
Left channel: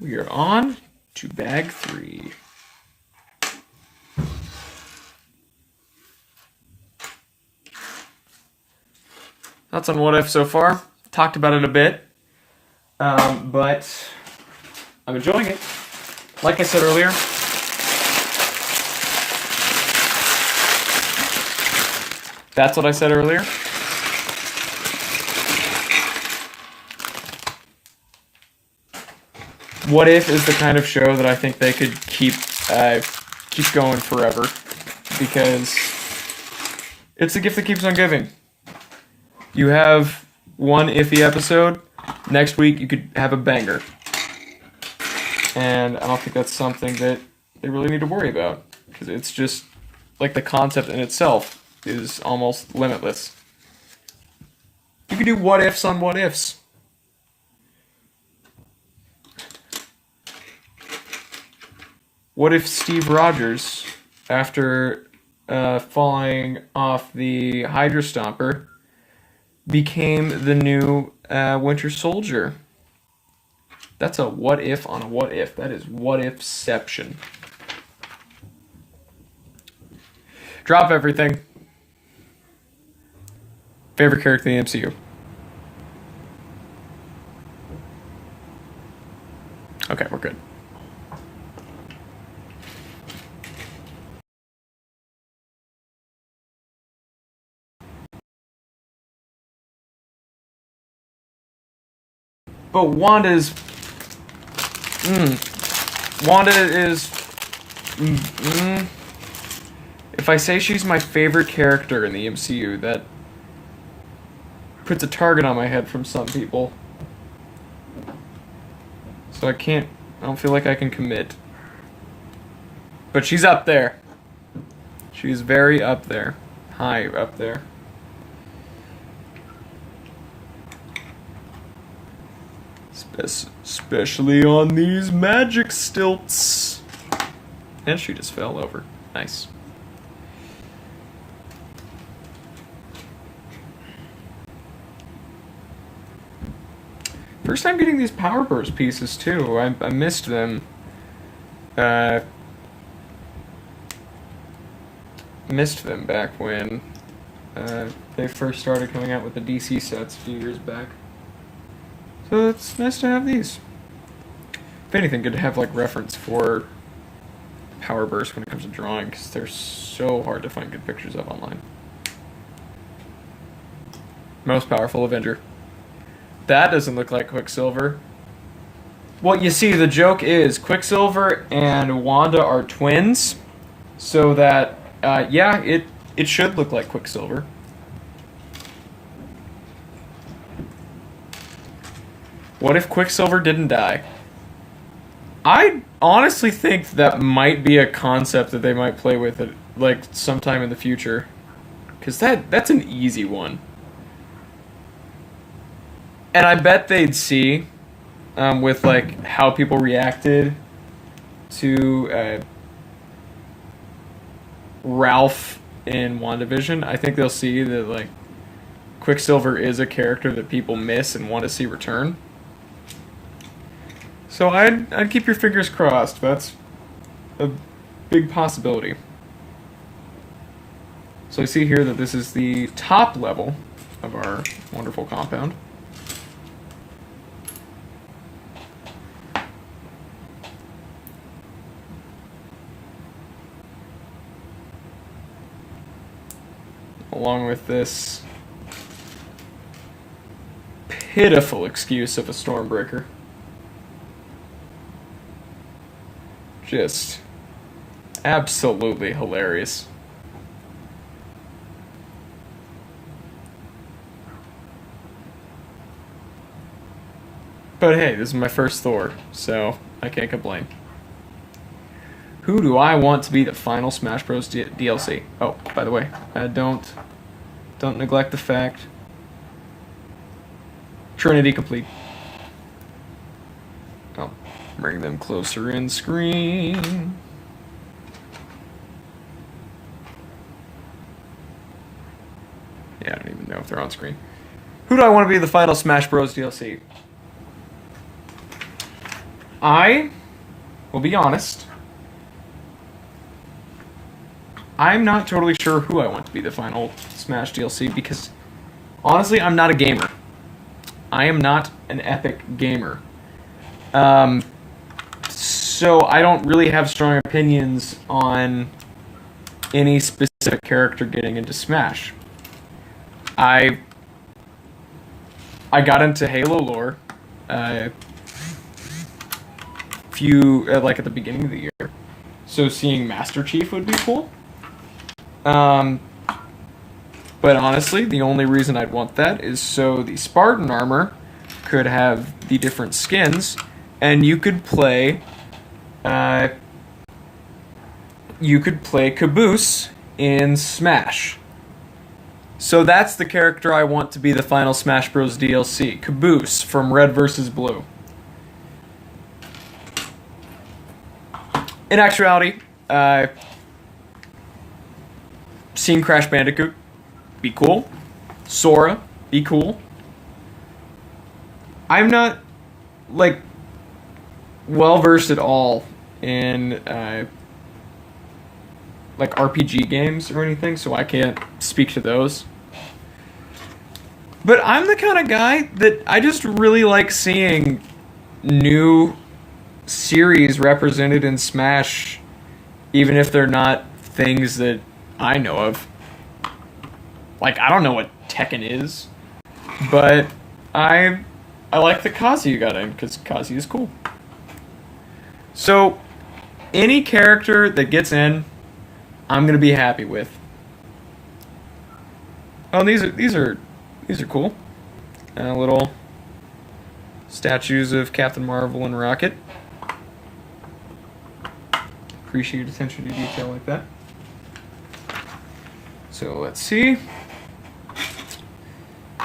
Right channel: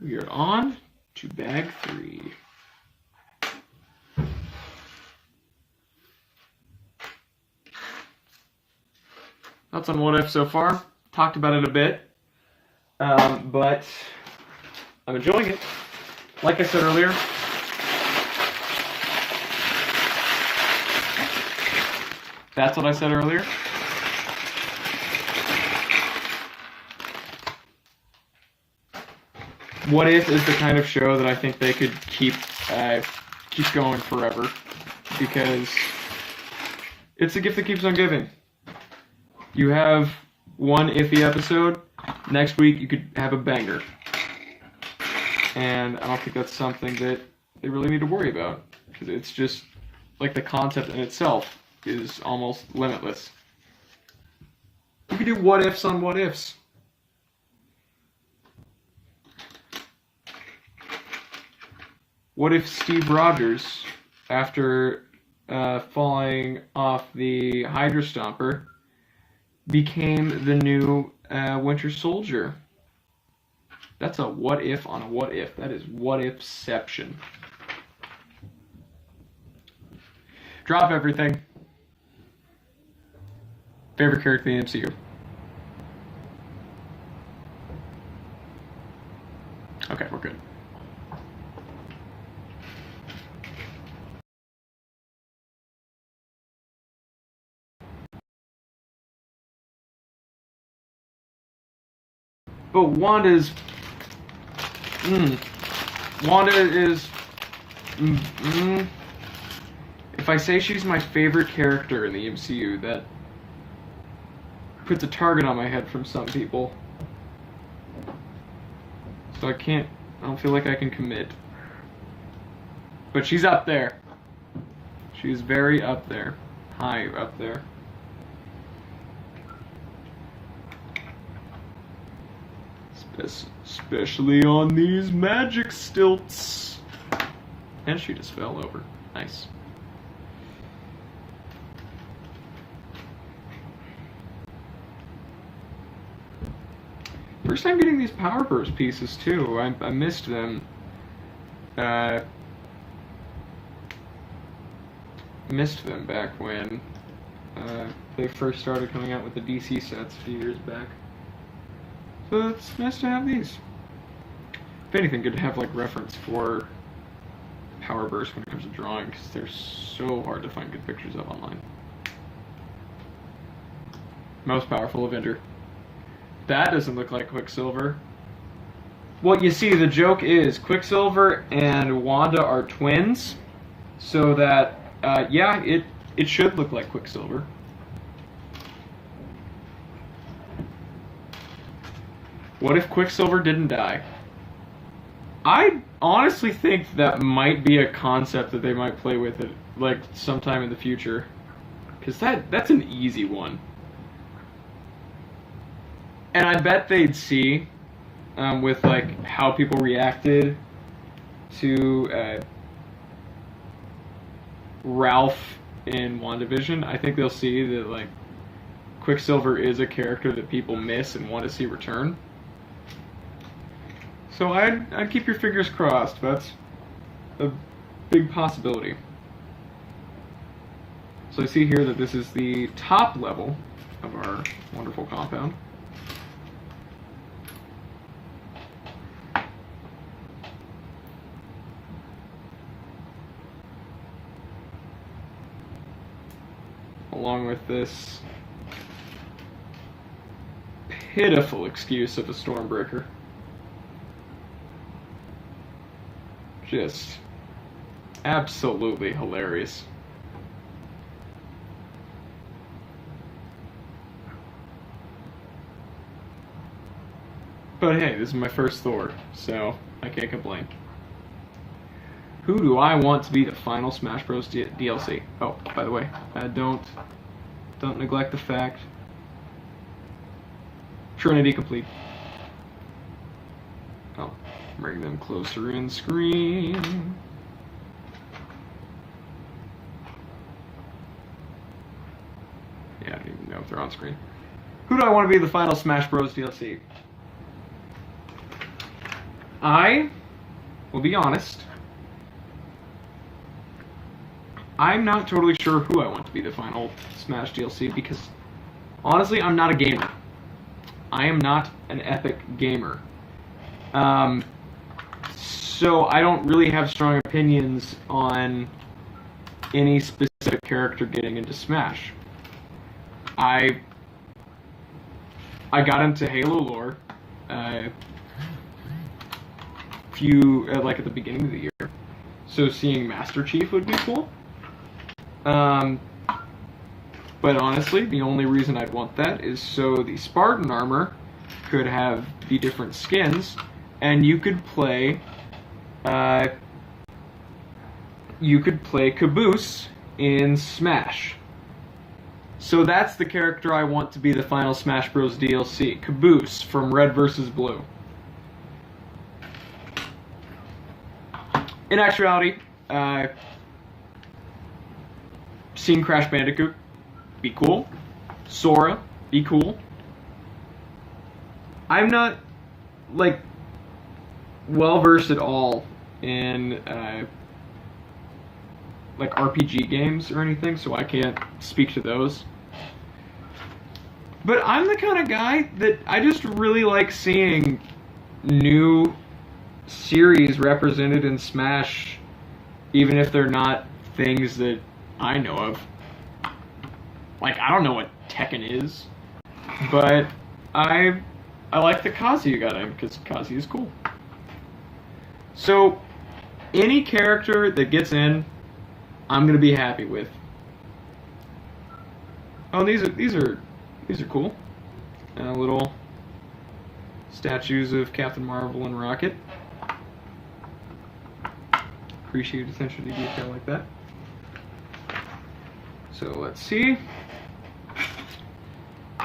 We are on to bag 3. That's on What If so far. Talked about it a bit. But I'm enjoying it. Like I said earlier, that's what I said earlier. What If is the kind of show that I think they could keep going forever, because it's the gift that keeps on giving. You have one iffy episode, next week you could have a banger. And I don't think that's something that they really need to worry about, because it's just like the concept in itself is almost limitless. You could do what ifs on what ifs. What if Steve Rogers, after falling off the Hydra Stomper, became the new Winter Soldier? That's a what if on a what if. That is what ifception. Drop everything. Favorite character in the MCU? Okay, we're good. But Wanda's... Wanda is... If I say she's my favorite character in the MCU, that puts a target on my head from some people. So I don't feel like I can commit. But she's up there. She's very up there. High up there. Especially on these magic stilts. And she just fell over. Nice. First time getting these Power Burst pieces too. I missed them. Missed them back when they first started coming out with the DC sets a few years back. So it's nice to have these. If anything, good to have like reference for Power Burst when it comes to drawing, because they're so hard to find good pictures of online. Most powerful Avenger. That doesn't look like Quicksilver. Well, you see, the joke is Quicksilver and Wanda are twins, so that, yeah, it should look like Quicksilver. What if Quicksilver didn't die? I honestly think that might be a concept that they might play with it, like, sometime in the future. Because that's an easy one. And I bet they'd see, with, like, how people reacted to Ralph in WandaVision. I think they'll see that, like, Quicksilver is a character that people miss and want to see return. So I'd keep your fingers crossed. That's a big possibility. So I see here that this is the top level of our wonderful compound. Along with this pitiful excuse of a Stormbreaker. Just absolutely hilarious. But hey, this is my first Thor, so I can't complain. Who do I want to be the final Smash Bros. DLC? Oh, by the way, don't neglect the fact. Trinity complete. Oh, bring them closer in screen. Yeah, I don't even know if they're on screen. Who do I want to be the final Smash Bros. DLC? I will be honest. I'm not totally sure who I want to be the final Smash DLC because, honestly, I'm not a gamer. I am not an epic gamer. So I don't really have strong opinions on any specific character getting into Smash. I got into Halo lore like at the beginning of the year. So seeing Master Chief would be cool. But honestly, the only reason I'd want that is so the Spartan armor could have the different skins, and you could play Caboose in Smash. So that's the character I want to be the final Smash Bros. DLC, Caboose from Red vs. Blue. In actuality, seeing Crash Bandicoot, be cool. Sora, be cool. I'm not, like, well-versed at all in, like, RPG games or anything, so I can't speak to those. But I'm the kind of guy that I just really like seeing new series represented in Smash, even if they're not things that I know of. Like, I don't know what Tekken is, but I I like that Kazuya got in because Kazuya is cool. So any character that gets in, I'm gonna be happy with. Oh, these are cool. Little statues of Captain Marvel and Rocket. Appreciate attention to detail like that. So let's see.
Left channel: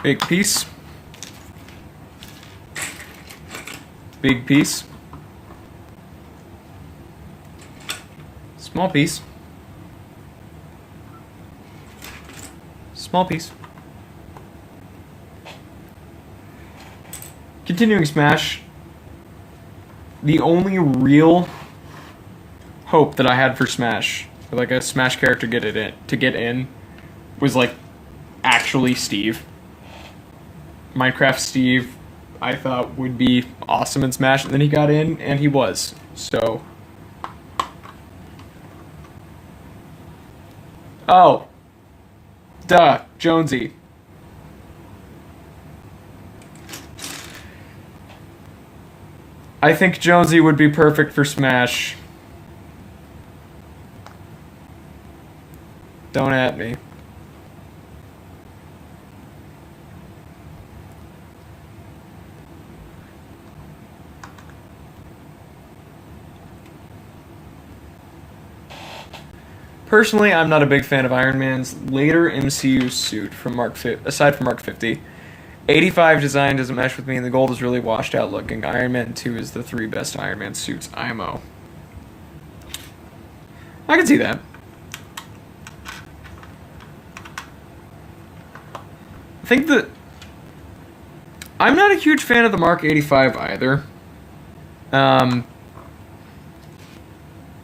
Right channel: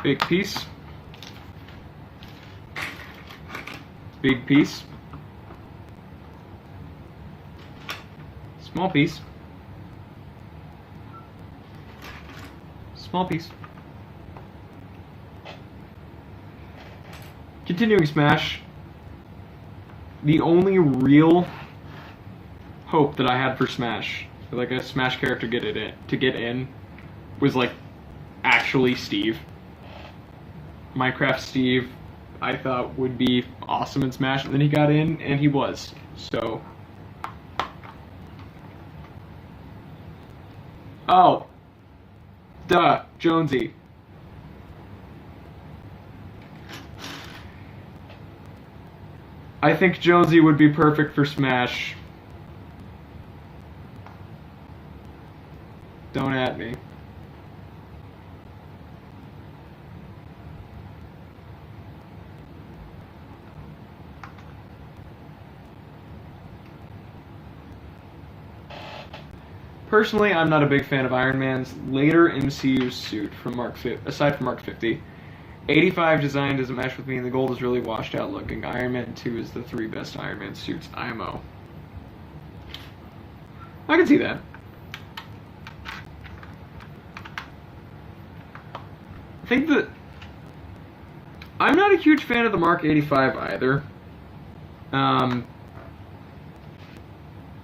Big piece. Big piece. Small piece. Small piece. Continuing Smash. The only real hope that I had for Smash, like a Smash character to get in, was like actually Steve. Minecraft Steve, I thought would be awesome in Smash, and then he got in, and he was. So, oh, duh, Jonesy. I think Jonesy would be perfect for Smash. Don't at me. Personally, I'm not a big fan of Iron Man's later MCU suit from aside from Mark 50. 85 design doesn't mesh with me, and the gold is really washed out looking. Iron Man 2 is the three best Iron Man suits. IMO. I can see that. I think that I'm not a huge fan of the Mark 85 either.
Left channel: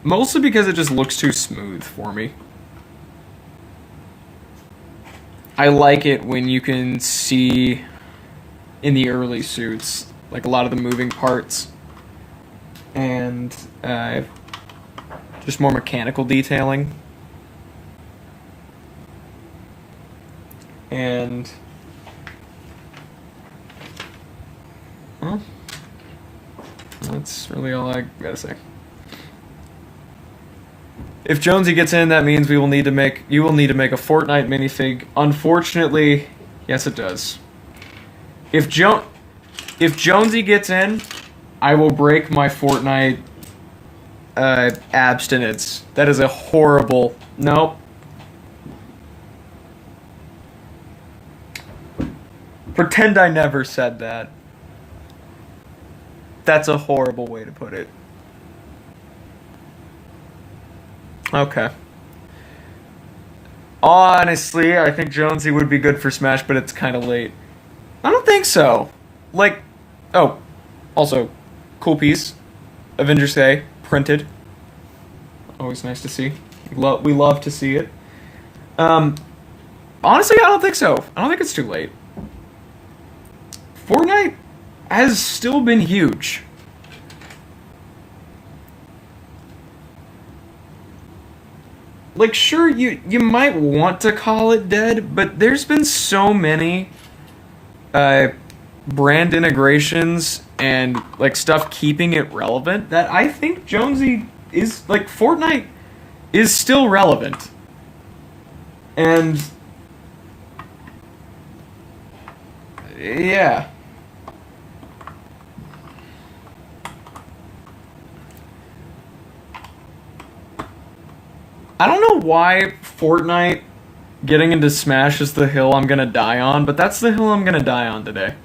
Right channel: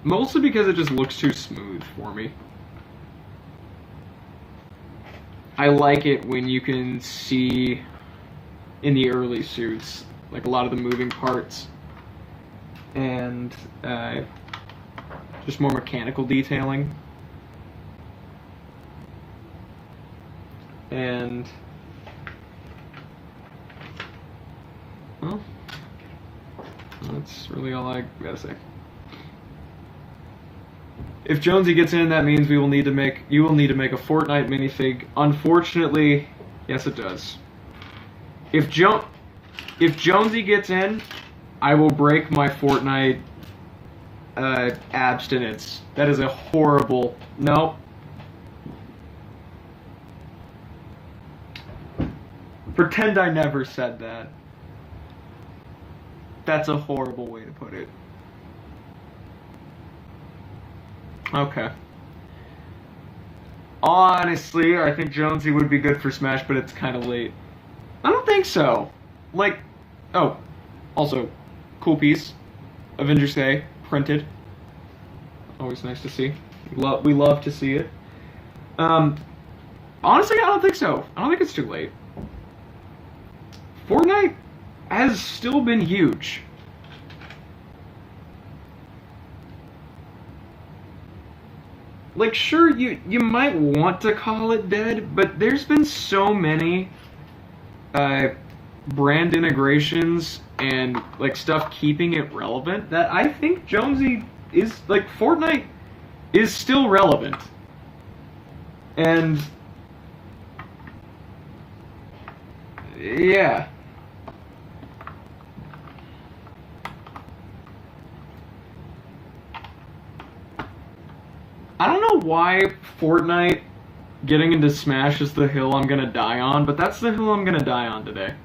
Mostly because it just looks too smooth for me. I like it when you can see in the early suits, like a lot of the moving parts and just more mechanical detailing. And well, that's really all I gotta say. If Jonesy gets in, that means you will need to make a Fortnite minifig. Unfortunately, yes, it does. If Jonesy gets in, I will break my Fortnite abstinence. That is a horrible. Nope. Pretend I never said that. That's a horrible way to put it. Okay. Honestly, I think Jonesy would be good for Smash, but it's kind of late. I don't think so. Like, oh, also, cool piece. Avengers Day, printed. Always nice to see. We love to see it. Honestly, I don't think so. I don't think it's too late. Fortnite has still been huge. Like, sure, you might want to call it dead, but there's been so many brand integrations and like stuff keeping it relevant that I think Jonesy is like Fortnite is still relevant. And yeah. I don't know why Fortnite getting into Smash is the hill I'm gonna die on, but that's the hill I'm gonna die on today.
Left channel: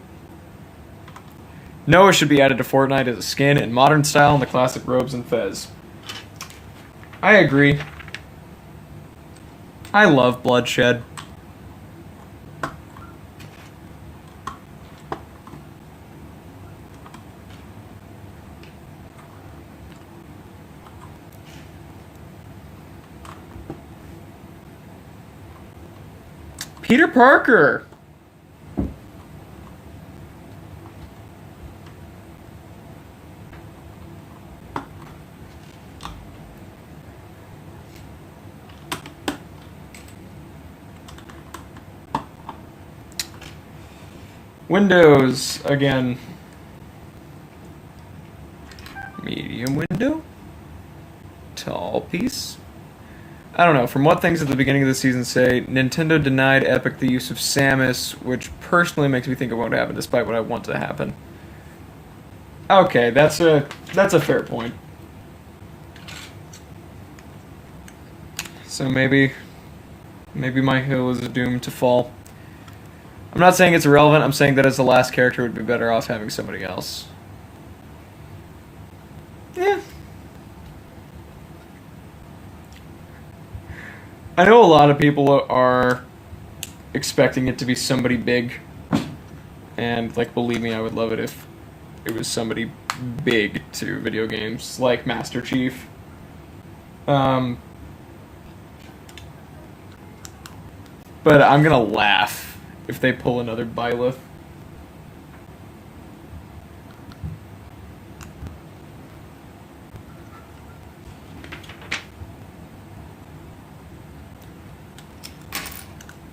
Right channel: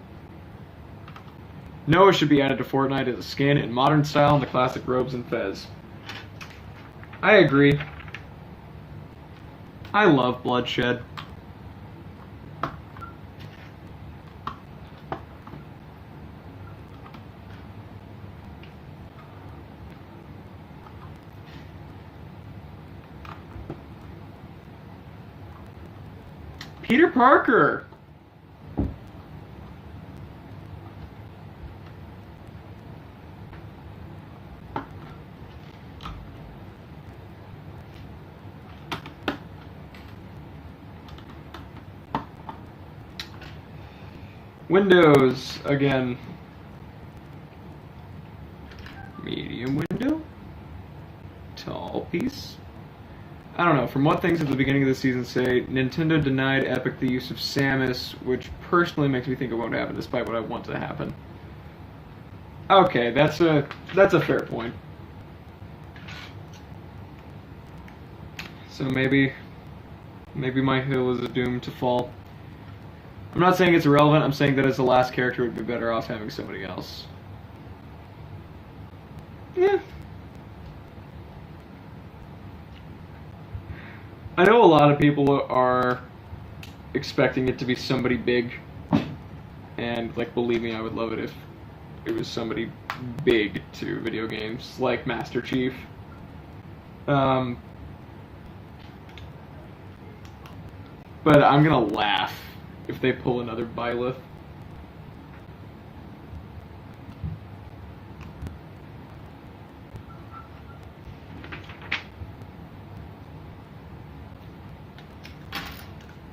Noah should be added to Fortnite as a skin in modern style in the classic robes and fez. I agree. I love bloodshed. Peter Parker. Windows, again. Medium window. Tall piece. I don't know. From what things at the beginning of the season say, Nintendo denied Epic the use of Samus, which personally makes me think it won't happen, despite what I want to happen. Okay, that's a fair point. So maybe my hill is doomed to fall. I'm not saying it's irrelevant. I'm saying that as the last character, it would be better off having somebody else. Yeah. I know a lot of people are expecting it to be somebody big, and like, believe me, I would love it if it was somebody big to video games, like Master Chief. But I'm gonna laugh if they pull another Byleth.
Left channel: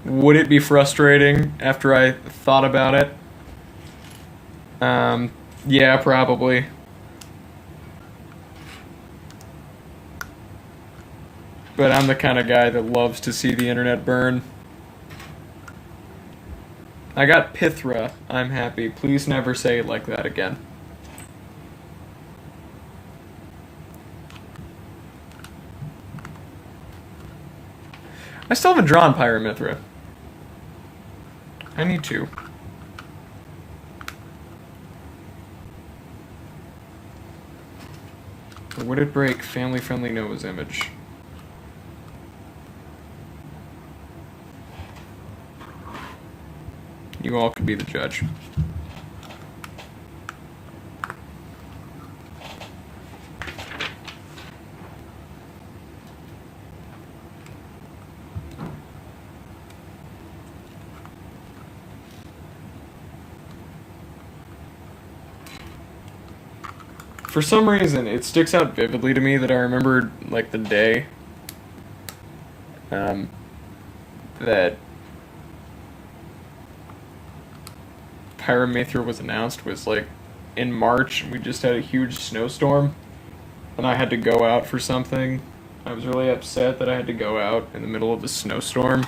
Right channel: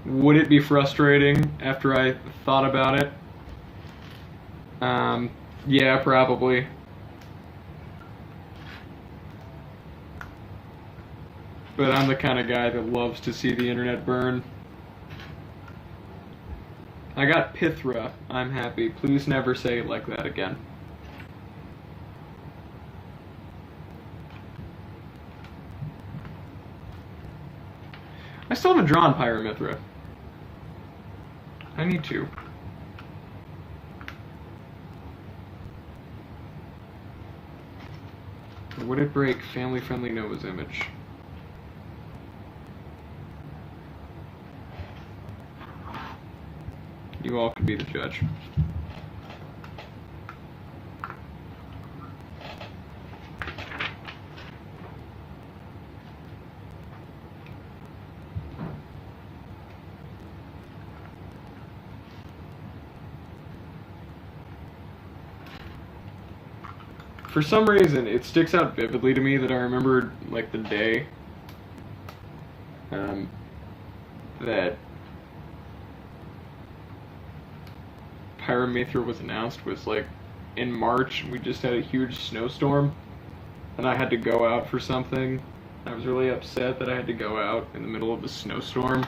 Would it be frustrating after I thought about it? Yeah, probably. But I'm the kind of guy that loves to see the internet burn. I got Pithra. I'm happy. Please never say it like that again. I still haven't drawn Pyramithra. I need to. Or would it break family-friendly Noah's image? You all could be the judge. For some reason, it sticks out vividly to me that I remembered, like, the day that Pyramithra was announced was, like, in March. We just had a huge snowstorm, and I had to go out for something. I was really upset that I had to go out in the middle of the snowstorm.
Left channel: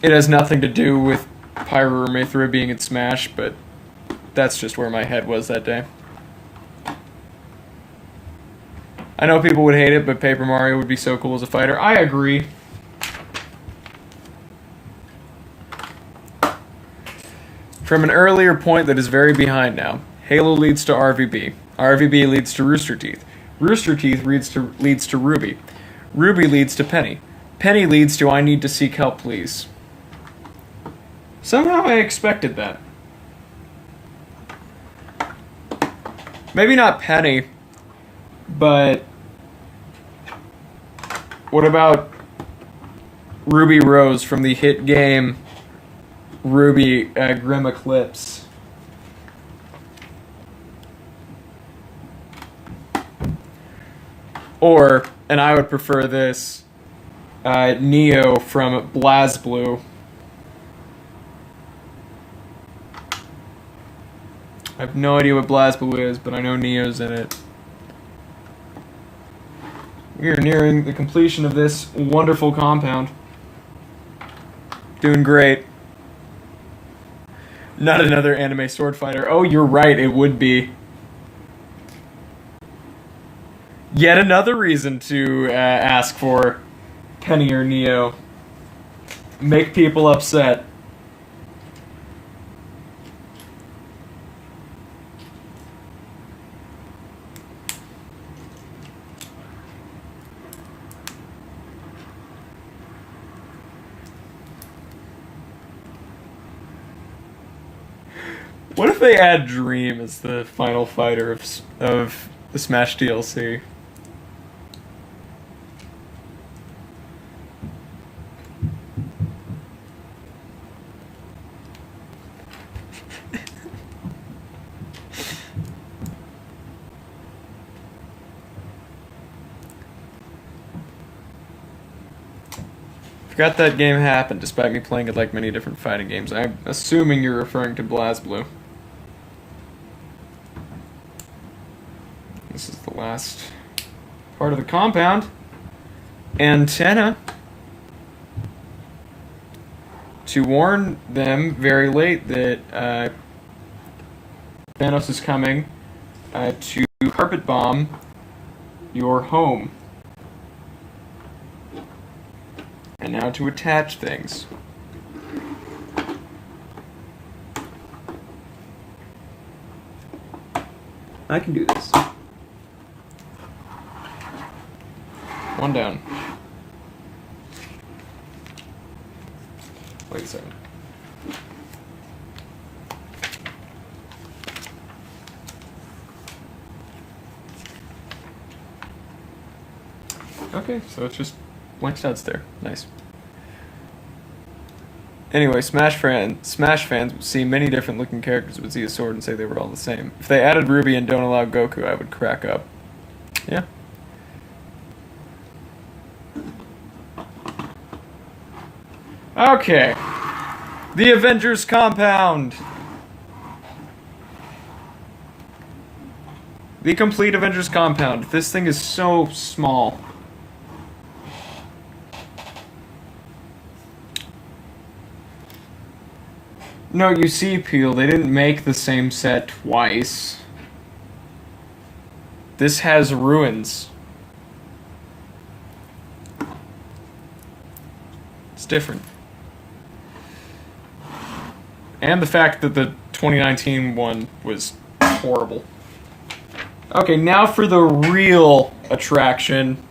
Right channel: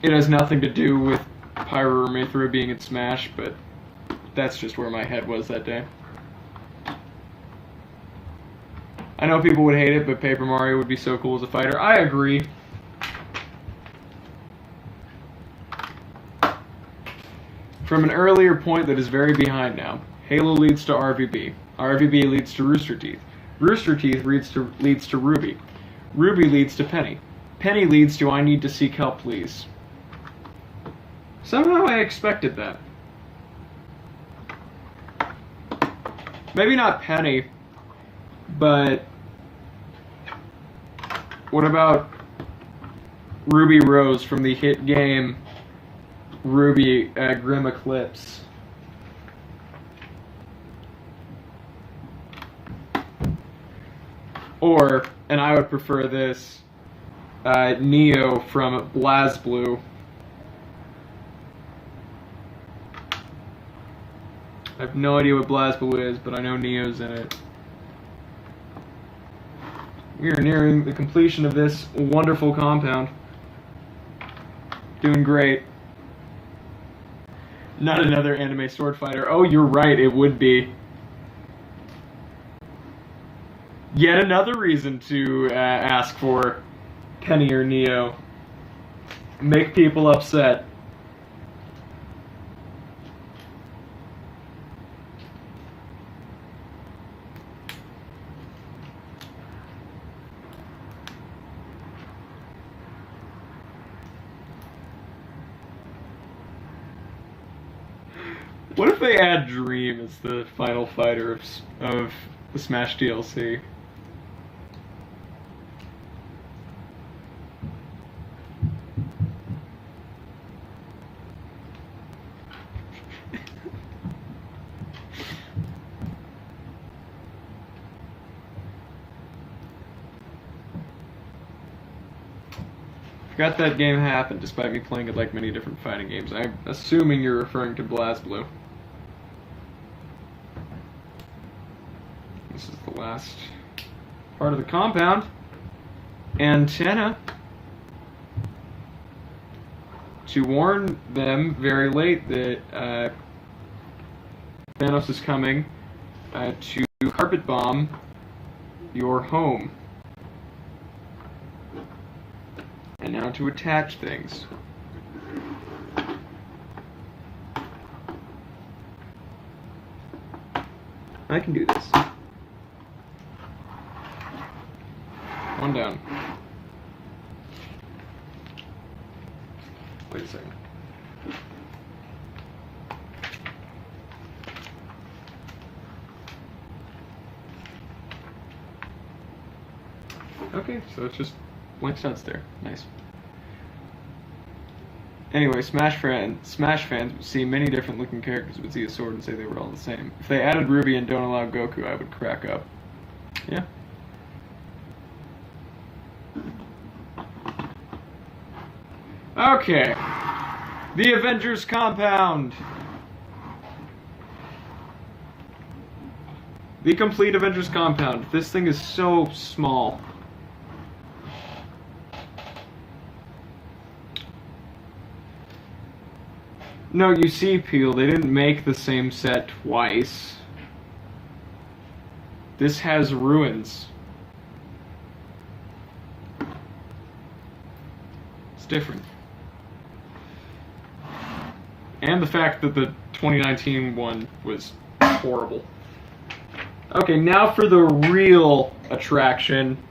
It has nothing to do with Pyramithra being in Smash, but that's just where my head was that day. I know people would hate it, but Paper Mario would be so cool as a fighter. I agree. From an earlier point that is very behind now, Halo leads to RVB. RVB leads to Rooster Teeth. Rooster Teeth leads to Ruby. Ruby leads to Penny. Penny leads to I need to seek help, please. Somehow I expected that. Maybe not Penny, but what about Ruby Rose from the hit game Ruby Grim Eclipse? Or, and I would prefer this, Neo from BlazBlue. I have no idea what BlazBlue is, but I know Neo's in it. We are nearing the completion of this wonderful compound. Doing great. Not another anime sword fighter. Oh, you're right, it would be. Yet another reason to ask for Penny or Neo. Make people upset. What if they add Dream as the final fighter of the Smash DLC? Forgot that game happened, despite me playing it like many different fighting games. I'm assuming you're referring to BlazBlue. This is the last part of the compound. Antenna. To warn them very late that Thanos is coming to carpet bomb your home. And now to attach things. I can do this. One down. Wait a second. Okay, so it's just blank studs there. Nice. Anyway, Smash fans would see many different looking characters would see a sword and say they were all the same. If they added Ruby and don't allow Goku, I would crack up. Yeah. Okay. The Avengers compound. The complete Avengers compound. This thing is so small. No, you see, Peel, they didn't make the same set twice. This has ruins. It's different. And the fact that the 2019 one was horrible. Okay, now for the real attraction.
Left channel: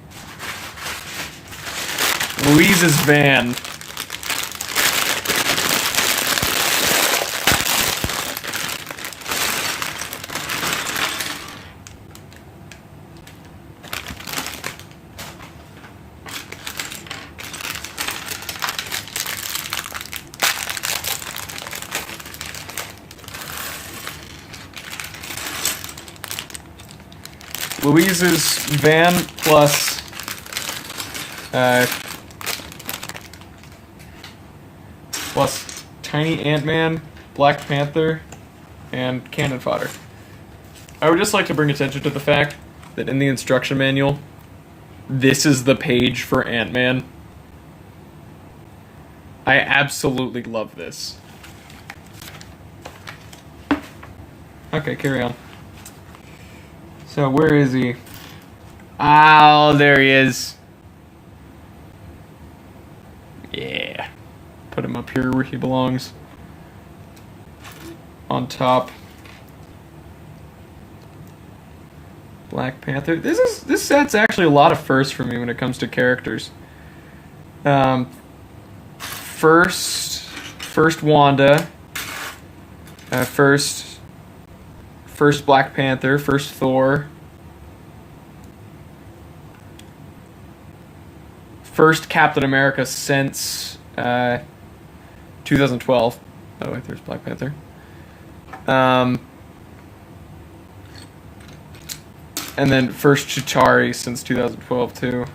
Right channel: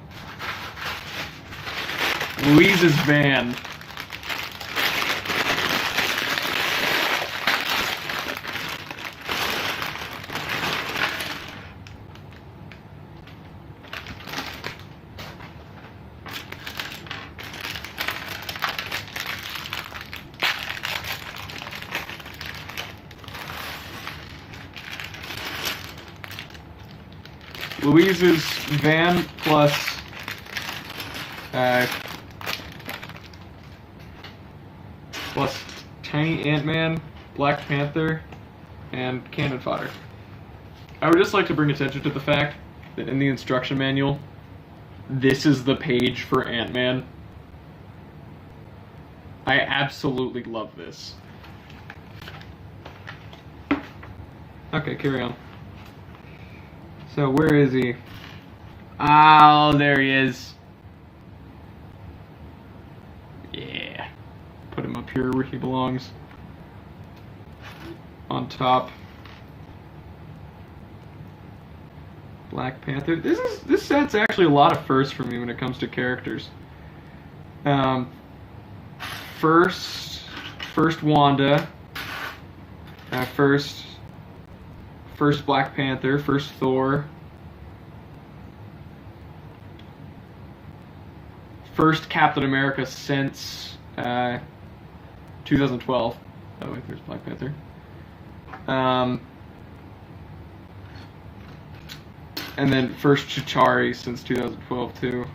Louise's van. Louise's van plus Tiny Ant-Man, Black Panther, and cannon fodder. I would just like to bring attention to the fact that in the instruction manual, this is the page for Ant-Man. I absolutely love this. Okay, carry on. So, where is he? Oh, there he is. Yeah. Put him up here where he belongs. On top. Black Panther. This set's actually a lot of firsts for me when it comes to characters. First Wanda. First Black Panther, first Thor, first Captain America since 2012. Oh wait, there's Black Panther. And then first Chitauri since 2012 too.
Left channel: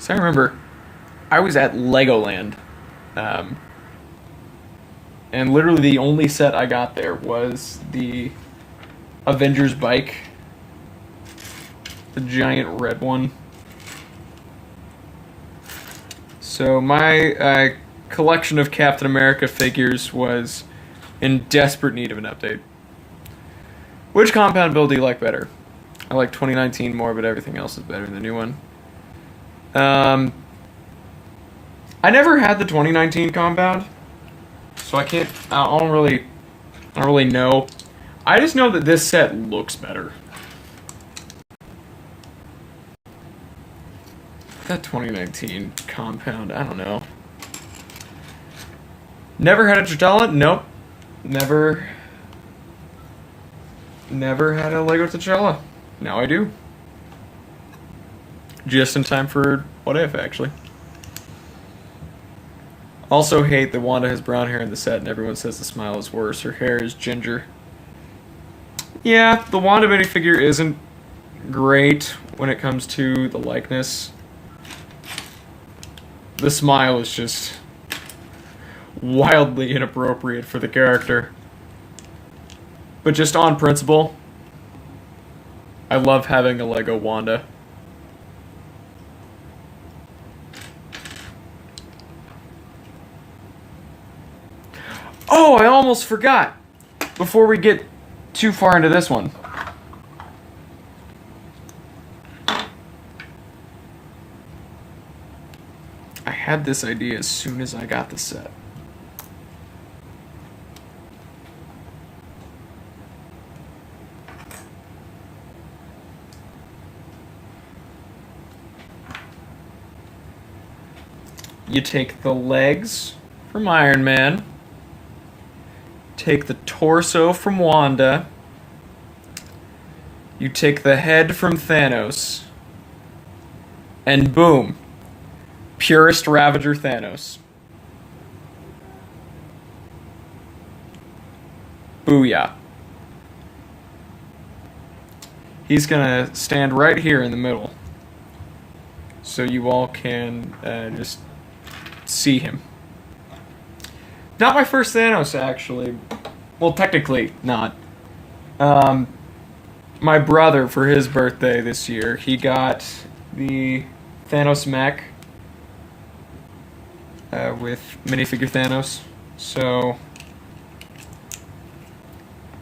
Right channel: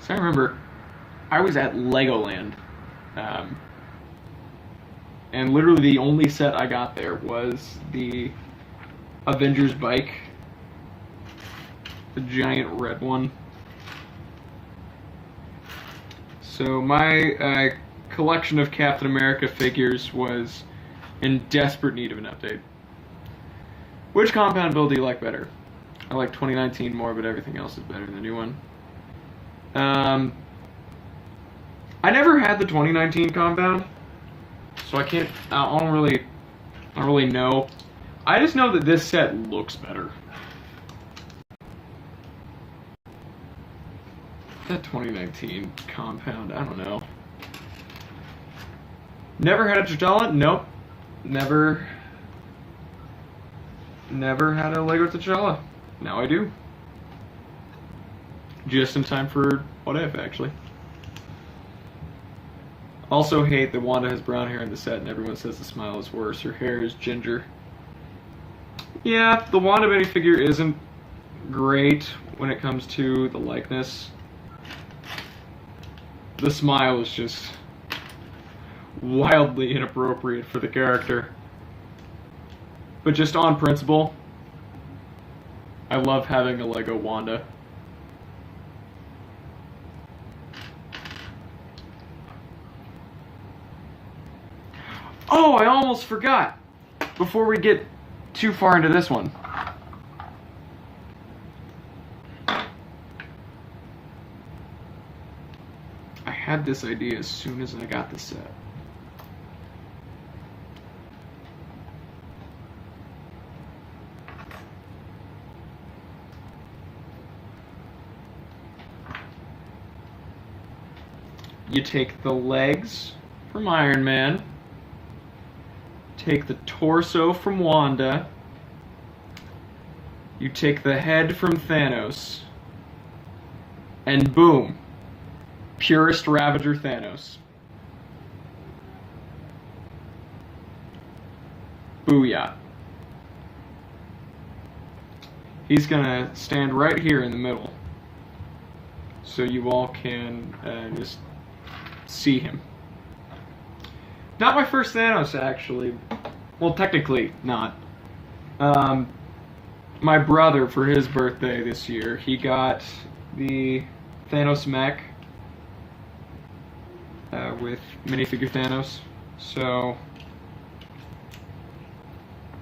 So I remember I was at Legoland. And literally the only set I got there was the Avengers bike. The giant red one. So my collection of Captain America figures was in desperate need of an update. Which compound build do you like better? I like 2019 more, but everything else is better than the new one. I never had the 2019 compound. So I don't really know. I just know that this set looks better. That 2019 compound, I don't know. Never had a T'Challa? Nope. Never had a Lego T'Challa. Now I do. Just in time for What If, actually. Also hate that Wanda has brown hair in the set and everyone says the smile is worse. Her hair is ginger. Yeah, the Wanda minifigure isn't great when it comes to the likeness. The smile is just wildly inappropriate for the character. But just on principle, I love having a Lego Wanda. Oh, I almost forgot! Before we get too far into this one. I had this idea as soon as I got the set. You take the legs from Iron Man, take the torso from Wanda, you take the head from Thanos, and boom, purest Ravager Thanos. Booyah. He's gonna stand right here in the middle, so you all can just see him. Not my first Thanos, actually. Well, technically not. My brother, for his birthday this year, he got the Thanos mech with minifigure Thanos. So,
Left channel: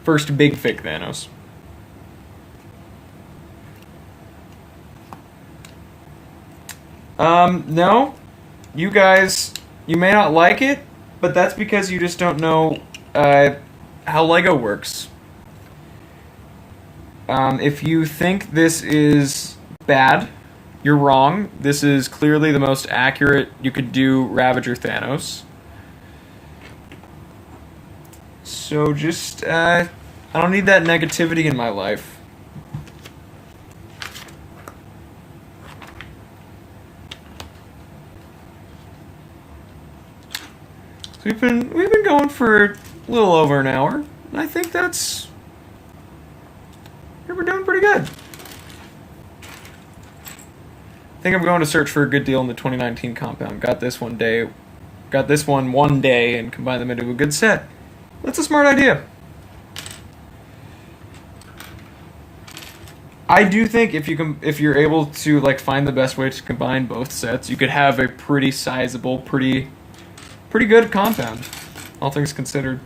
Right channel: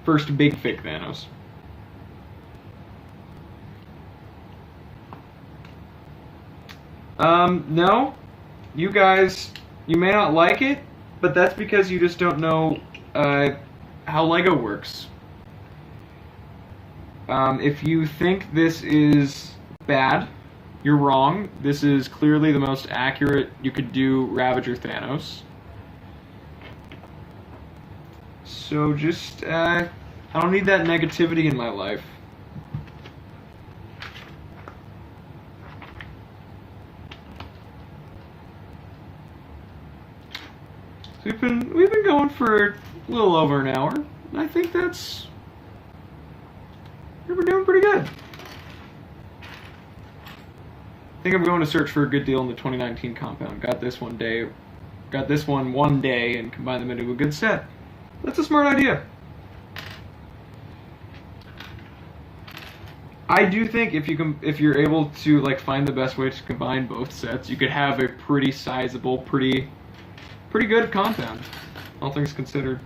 first big fig Thanos. No. You guys, you may not like it, but that's because you just don't know how Lego works. If you think this is bad, you're wrong. This is clearly the most accurate you could do Ravager Thanos. So just, I don't need that negativity in my life. So we've been going for a little over an hour, and I think we're doing pretty good. I think I'm going to search for a good deal in the 2019 compound. Got this one day and combine them into a good set. That's a smart idea. I do think if you're able to like find the best way to combine both sets, you could have a pretty sizable, pretty good compound, all things considered.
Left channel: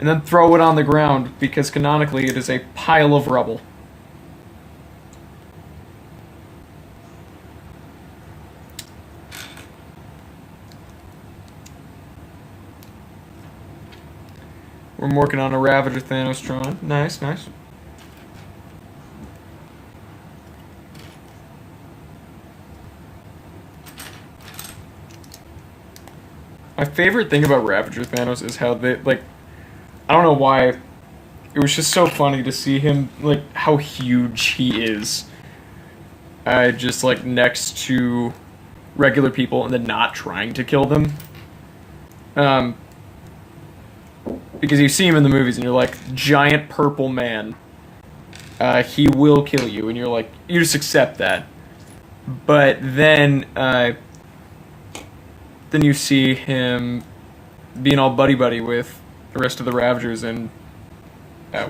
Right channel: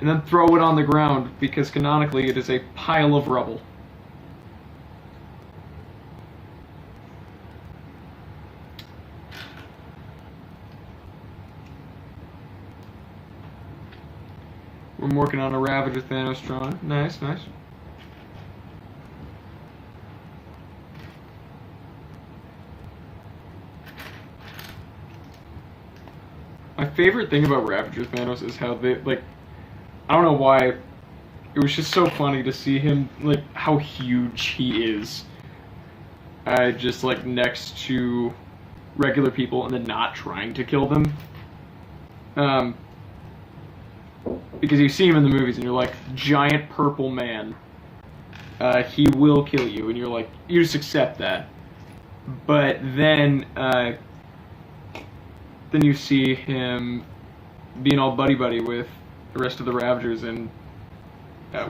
And then throw it on the ground, because canonically it is a pile of rubble. We're working on a Ravager Thanos drawing. Nice, nice. My favorite thing about Ravager Thanos is how they, like, I don't know why, it was just so funny to see him, like, how huge he is. Just, like, next to regular people and then not trying to kill them. Because you see him in the movies and you're like, giant purple man. He will kill you, and you're like, you just accept that. But then you see him being all buddy-buddy with the rest of the Ravagers in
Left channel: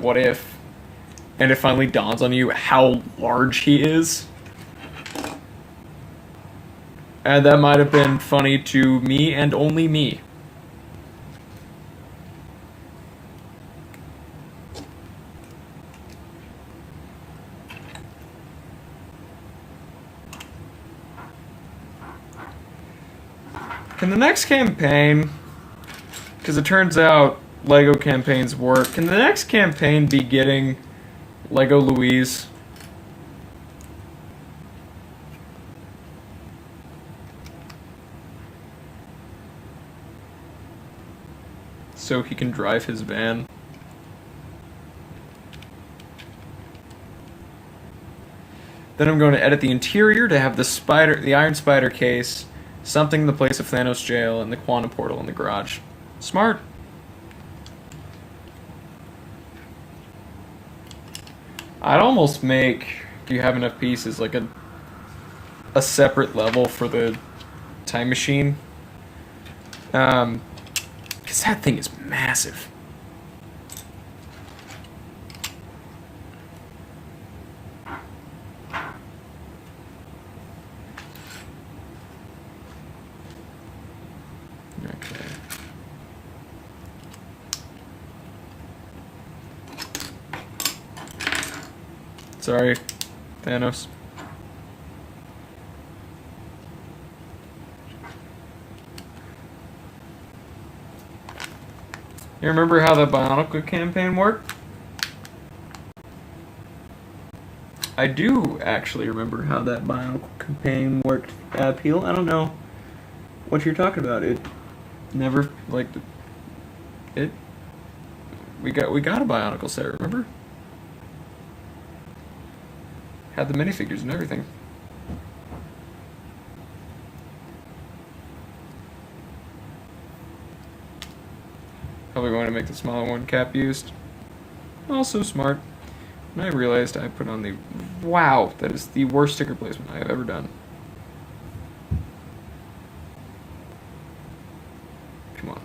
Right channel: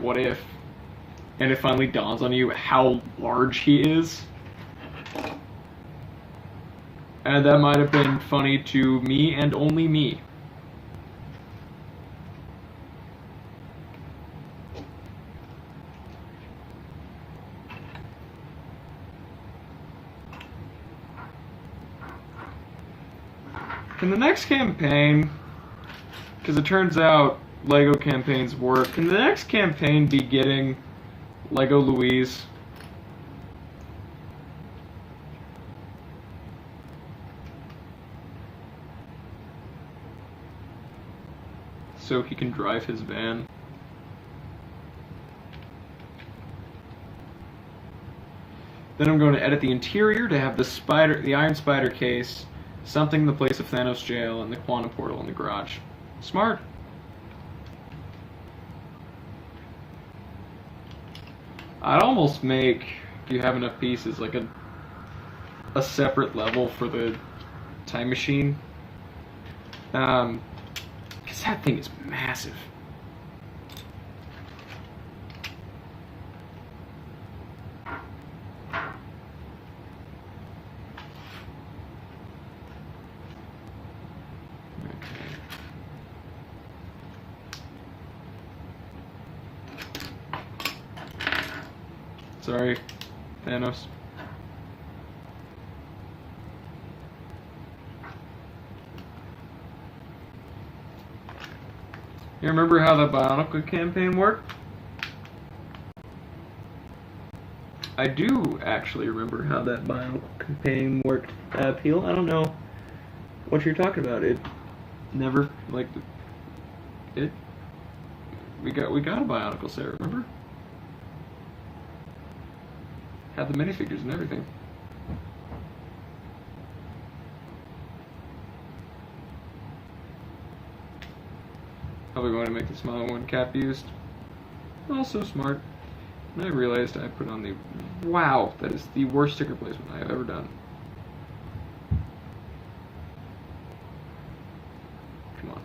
What If? And it finally dawns on you how large he is. And that might have been funny to me and only me. Can the next campaign, because it turns out Lego campaigns work, can the next campaign be getting Lego Louise? So he can drive his van. Then I'm going to edit the interior to have the Iron Spider case, something in the place of Thanos jail, and the quantum portal in the garage. Smart. I'd almost make Do you have enough pieces? Like a separate level for the time machine? Because that thing is massive. Sorry, Thanos. You remember how the Bionicle campaign worked? I do actually remember how that Bionicle campaign worked, Peel. I don't know what you're talking about. It never, like, it... We got a Bionicle set, remember? Had the minifigures and everything. Probably want to make the smaller one Cap used. Also smart. And I realized I put on the... Wow, that is the worst sticker placement I have ever done. Come on.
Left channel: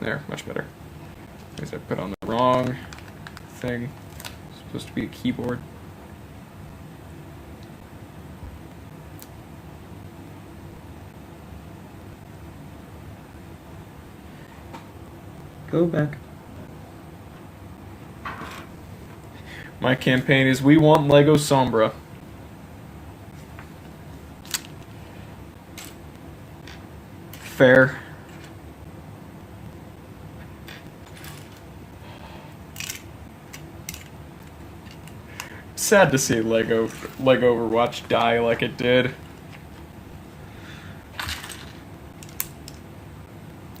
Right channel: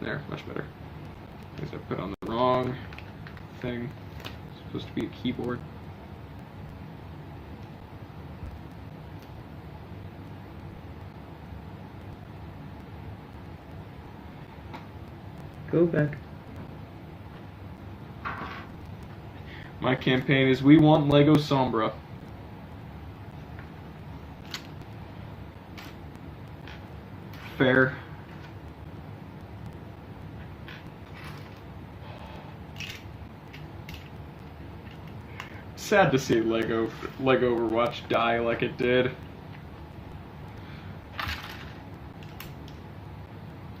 There, much better. Because I put on the wrong thing. It's supposed to be a keyboard. Go back. My campaign is we want Lego Sombra. Fair. Sad to see Lego Overwatch die like it did.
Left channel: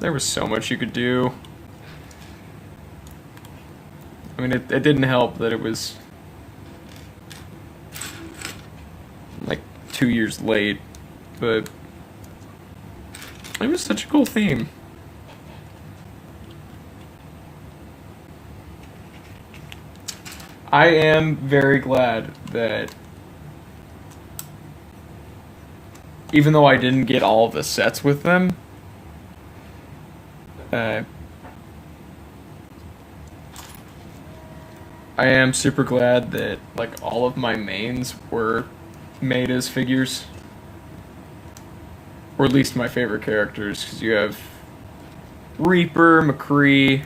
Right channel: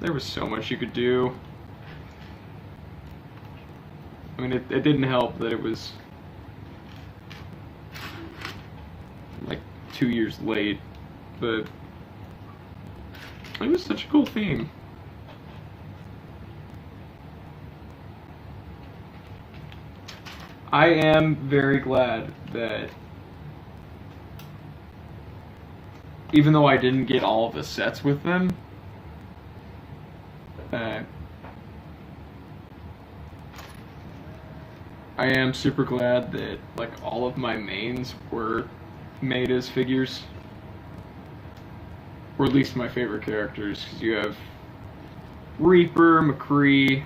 There was so much you could do. I mean, it didn't help that it was like 2 years late, but it was such a cool theme. I am very glad that even though I didn't get all of the sets with them, I am super glad that like all of my mains were made as figures, or at least my favorite characters, because you have Reaper, McCree,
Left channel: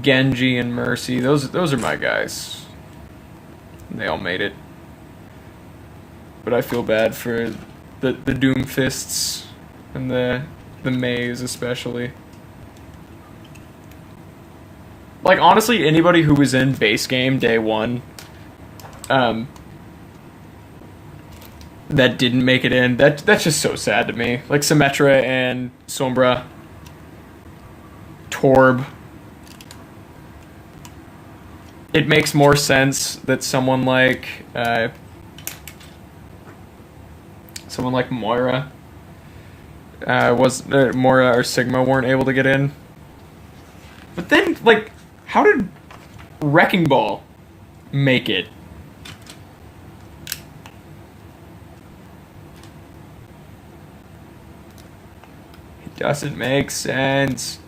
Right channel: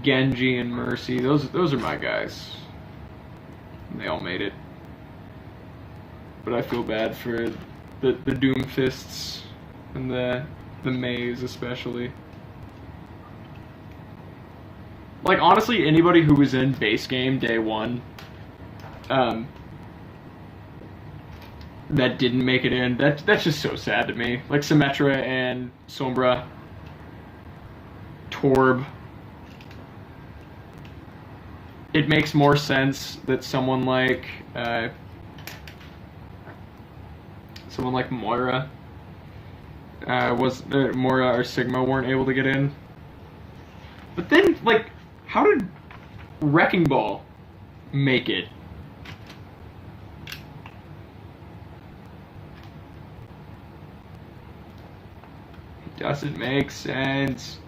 Genji, and Mercy. Those are my guys. They all made it, but I feel bad for the Doomfists and the Mays especially. Like, honestly, anybody who was in base game day one, that didn't make it in, that's just so sad to me. Like, Symmetra and Sombra, Torb. It makes more sense that someone like Moira Moira or Sigma weren't able to get in. But then, like, how did Wrecking Ball make it? It doesn't make sense.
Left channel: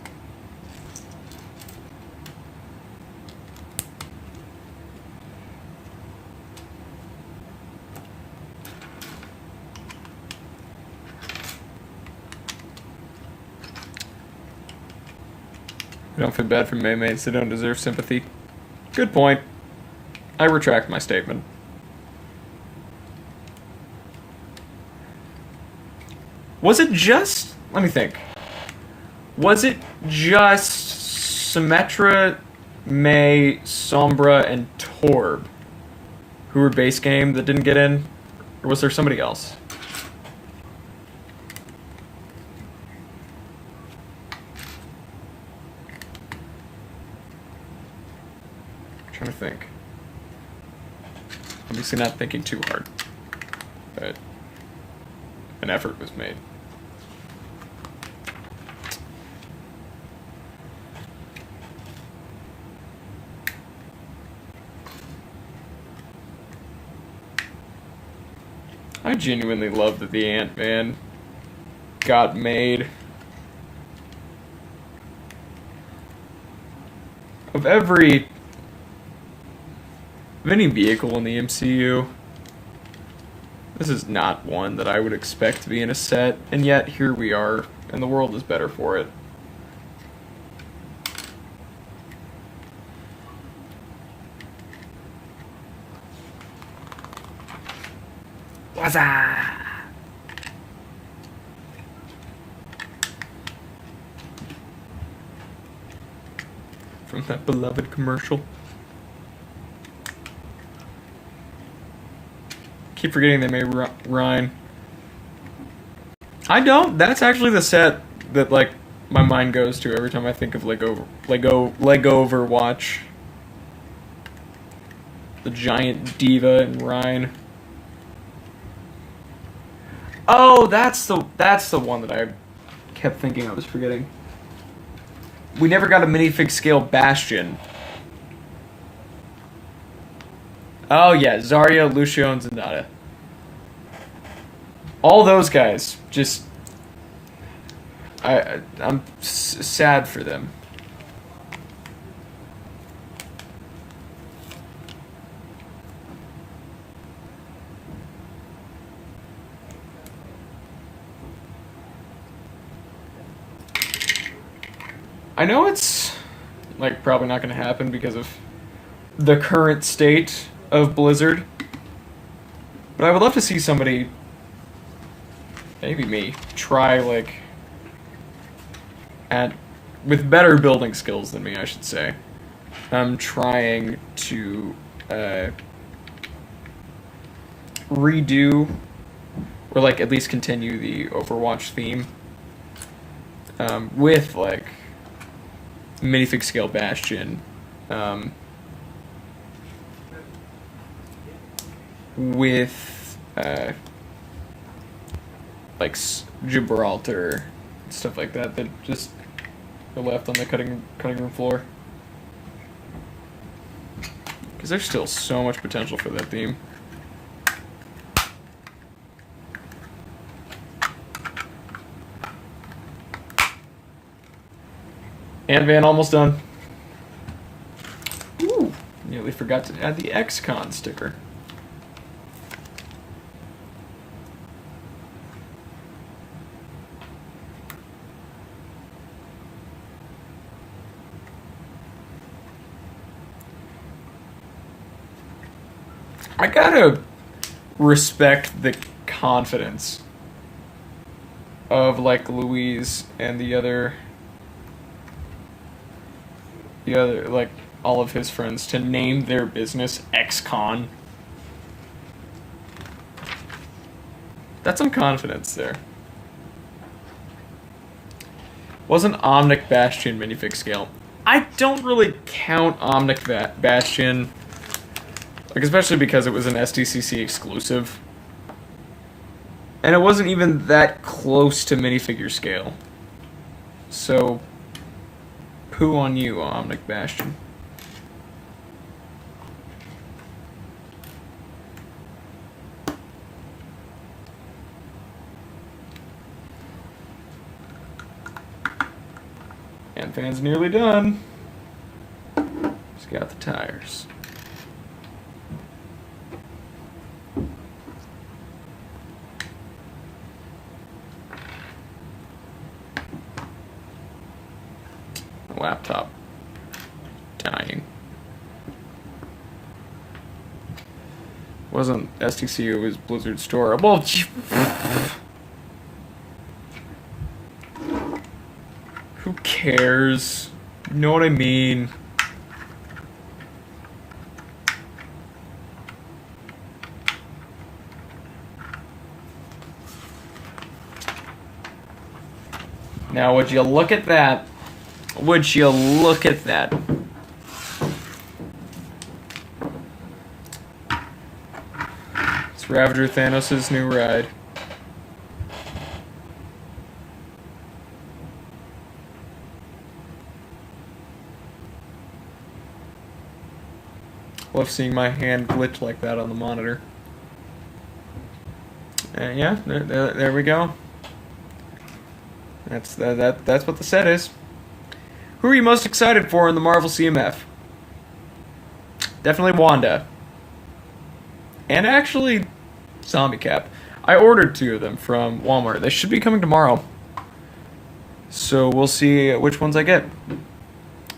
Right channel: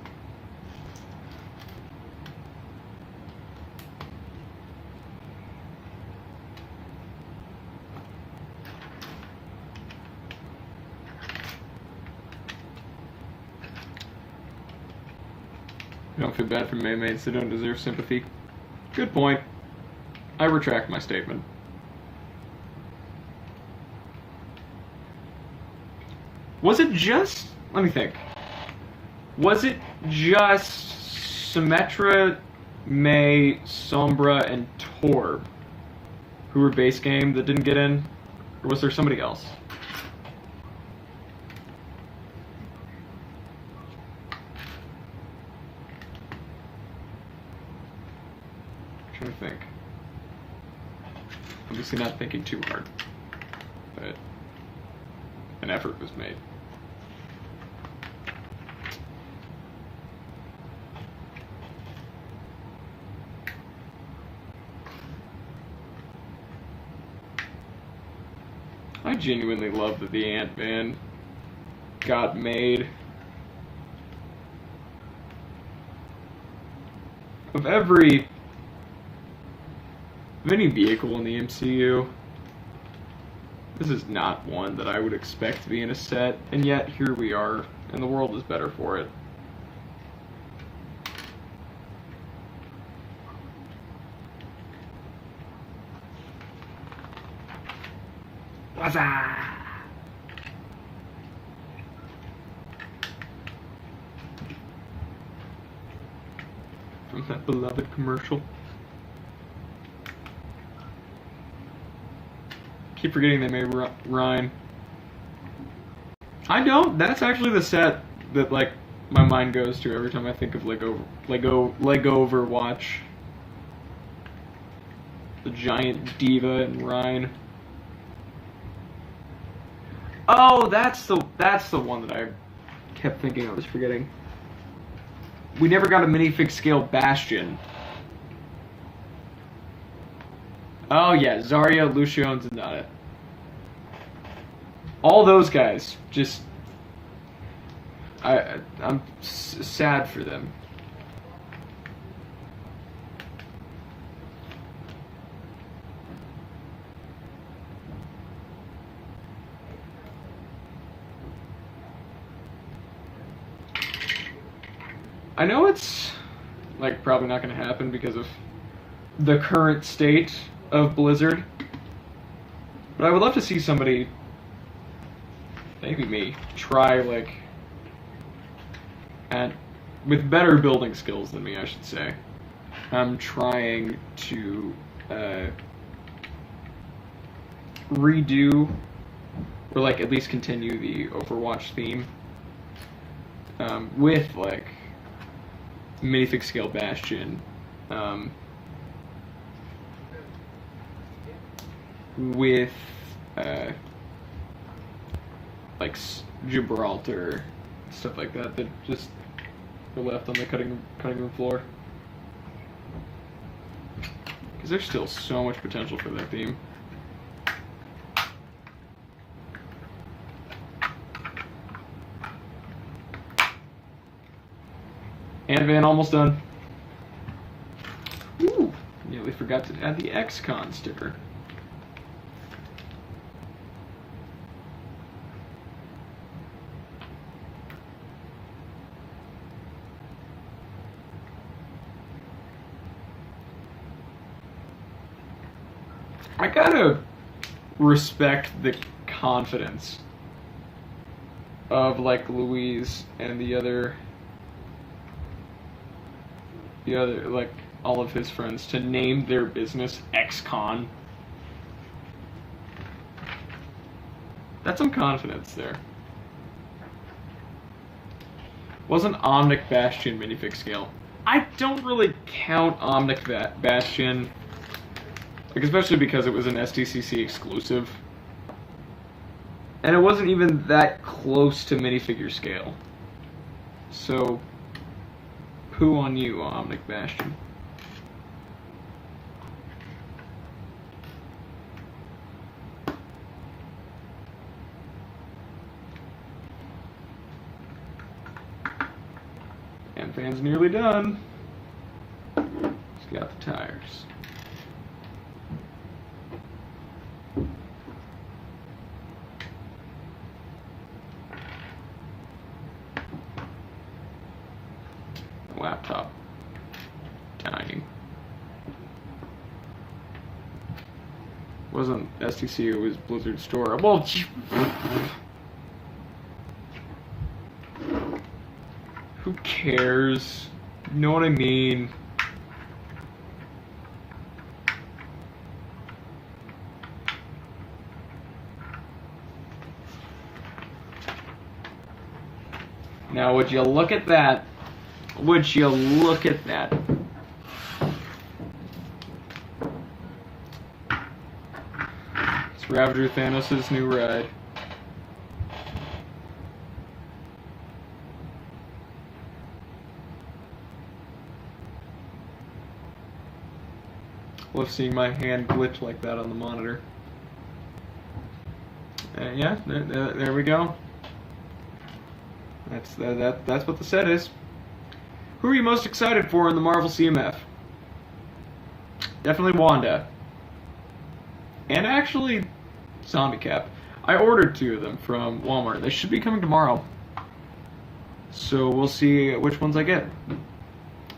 I don't feel bad for Maymates, they don't deserve sympathy. Good point. I retract my statement. Was it just... Let me think. Was it just Symmetra, May, Sombra, and Torb who were base game that didn't get in? Or was there somebody else? Trying to think. Obviously not thinking too hard, but an effort was made. I genuinely love that the Ant-Man got made. Of any vehicle in the MCU, this is not one that I would expect to be in a set, and yet here we are, and the world is better for it. Waza! From that beloved commercial. Keep forgetting they made Ryan. I don't. That's actually the set that like my mind goes to every time I think of Lego Overwatch. The giant diva and Ryan. Oh, that's the one that I kept thinking I was forgetting. We never got a minifig scale Bastion. Oh yeah, Zarya, Lucio, and Zenyatta. All those guys, just I'm sad for them. I know it's like probably not going to happen because of the current state of Blizzard, but I would love to see somebody, maybe me, try like with better building skills than me, I should say. I'm trying to redo or like at least continue the Overwatch theme with like minifig scale Bastion, with like Gibraltar, stuff like that just are left on the cutting room floor. Because there's still so much potential for that theme. And Van almost done. Ooh, nearly forgot to add the XCon sticker. I gotta respect the confidence of like Louise and the other like all of his friends to name their business XCon. That's some confidence there. Wasn't Omnic Bastion minifig scale? I don't really count Omnic Bastion, like especially because it was an SDCC exclusive, and it wasn't even that close to minifigure scale. So, poo on you, Omnic Bastion. And fan's nearly done. Just got the tires. Laptop dying. Wasn't STC, it was Blizzard Store. Well, who cares? You know what I mean? Now, would you look at that? Would you look at that? It's Ravager Thanos' new ride. Love seeing my hand glitch like that on the monitor. Yeah, there we go. That's what the set is. Who are you most excited for in the Marvel CMF? Definitely Wanda. And actually, Zombie Cap. I ordered 2 of them from Walmart. They should be coming tomorrow. So we'll see which ones I get.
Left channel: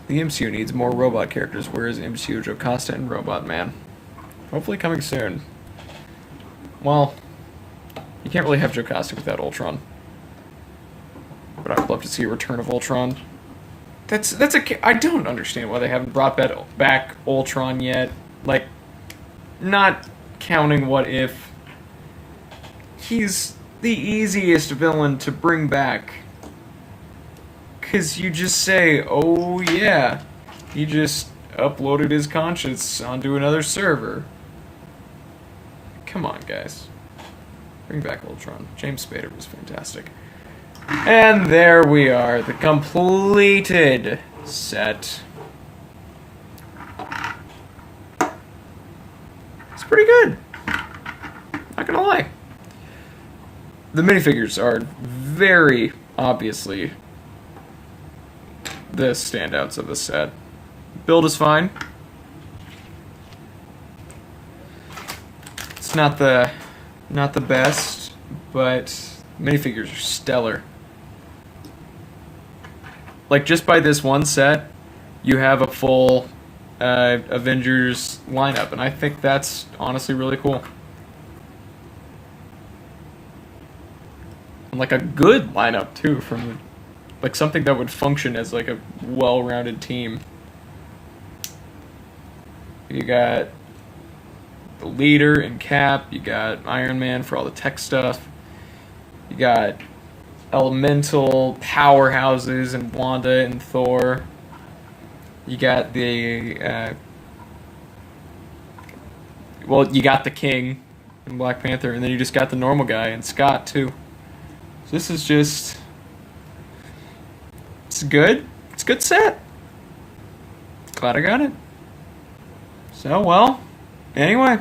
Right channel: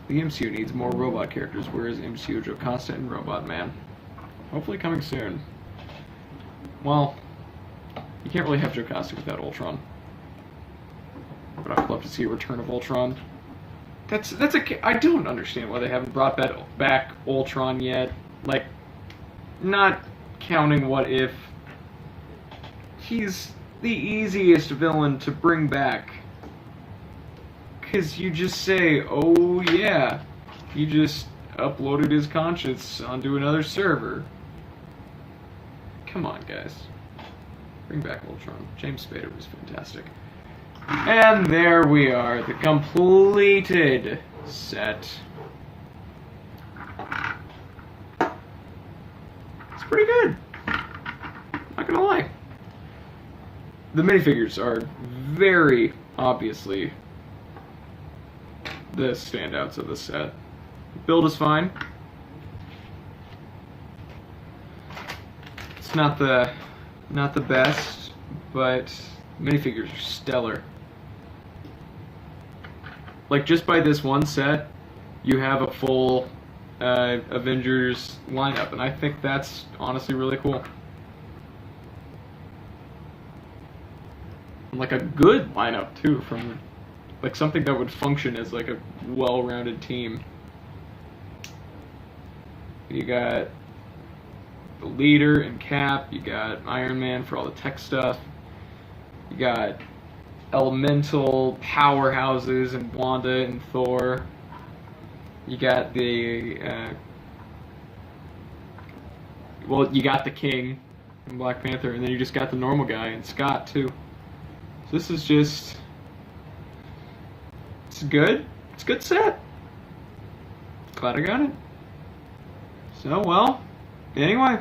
The MCU needs more robot characters. Where is MCU, Jocasta, and Robot Man? Hopefully coming soon. Well, you can't really have Jocasta without Ultron. But I'd love to see a return of Ultron. I don't understand why they haven't brought back Ultron yet. Like, not counting What If. He's the easiest villain to bring back. Because you just say, oh yeah, he just uploaded his conscience onto another server. Come on, guys. Bring back Ultron. James Spader was fantastic. And there we are, the completed set. It's pretty good. Not gonna lie. The minifigures are very obviously the standouts of the set. Build is fine. It's not the best, but minifigures are stellar. Like, just by this one set, you have a full Avengers lineup, and I think that's honestly really cool. And like a good lineup too, from like something that would function as like a well-rounded team. You got the leader and Cap, you got Iron Man for all the tech stuff, you got elemental powerhouses and Wanda and Thor, you got the you got the King and Black Panther, and then you just got the normal guy and Scott too. So this is just, it's good. It's a good set. Glad I got it. So, well, anyway.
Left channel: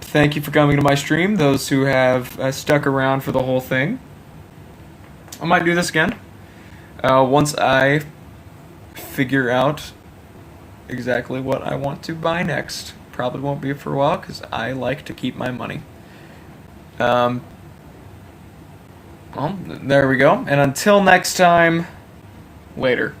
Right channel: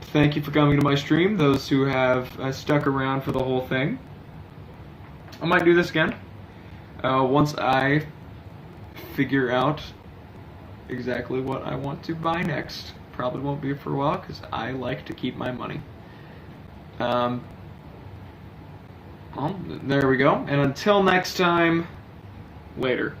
Thank you for coming to my stream, those who have stuck around for the whole thing. I might do this again. Once I figure out exactly what I want to buy next. Probably won't be for a while, because I like to keep my money. Well, there we go. And until next time, later.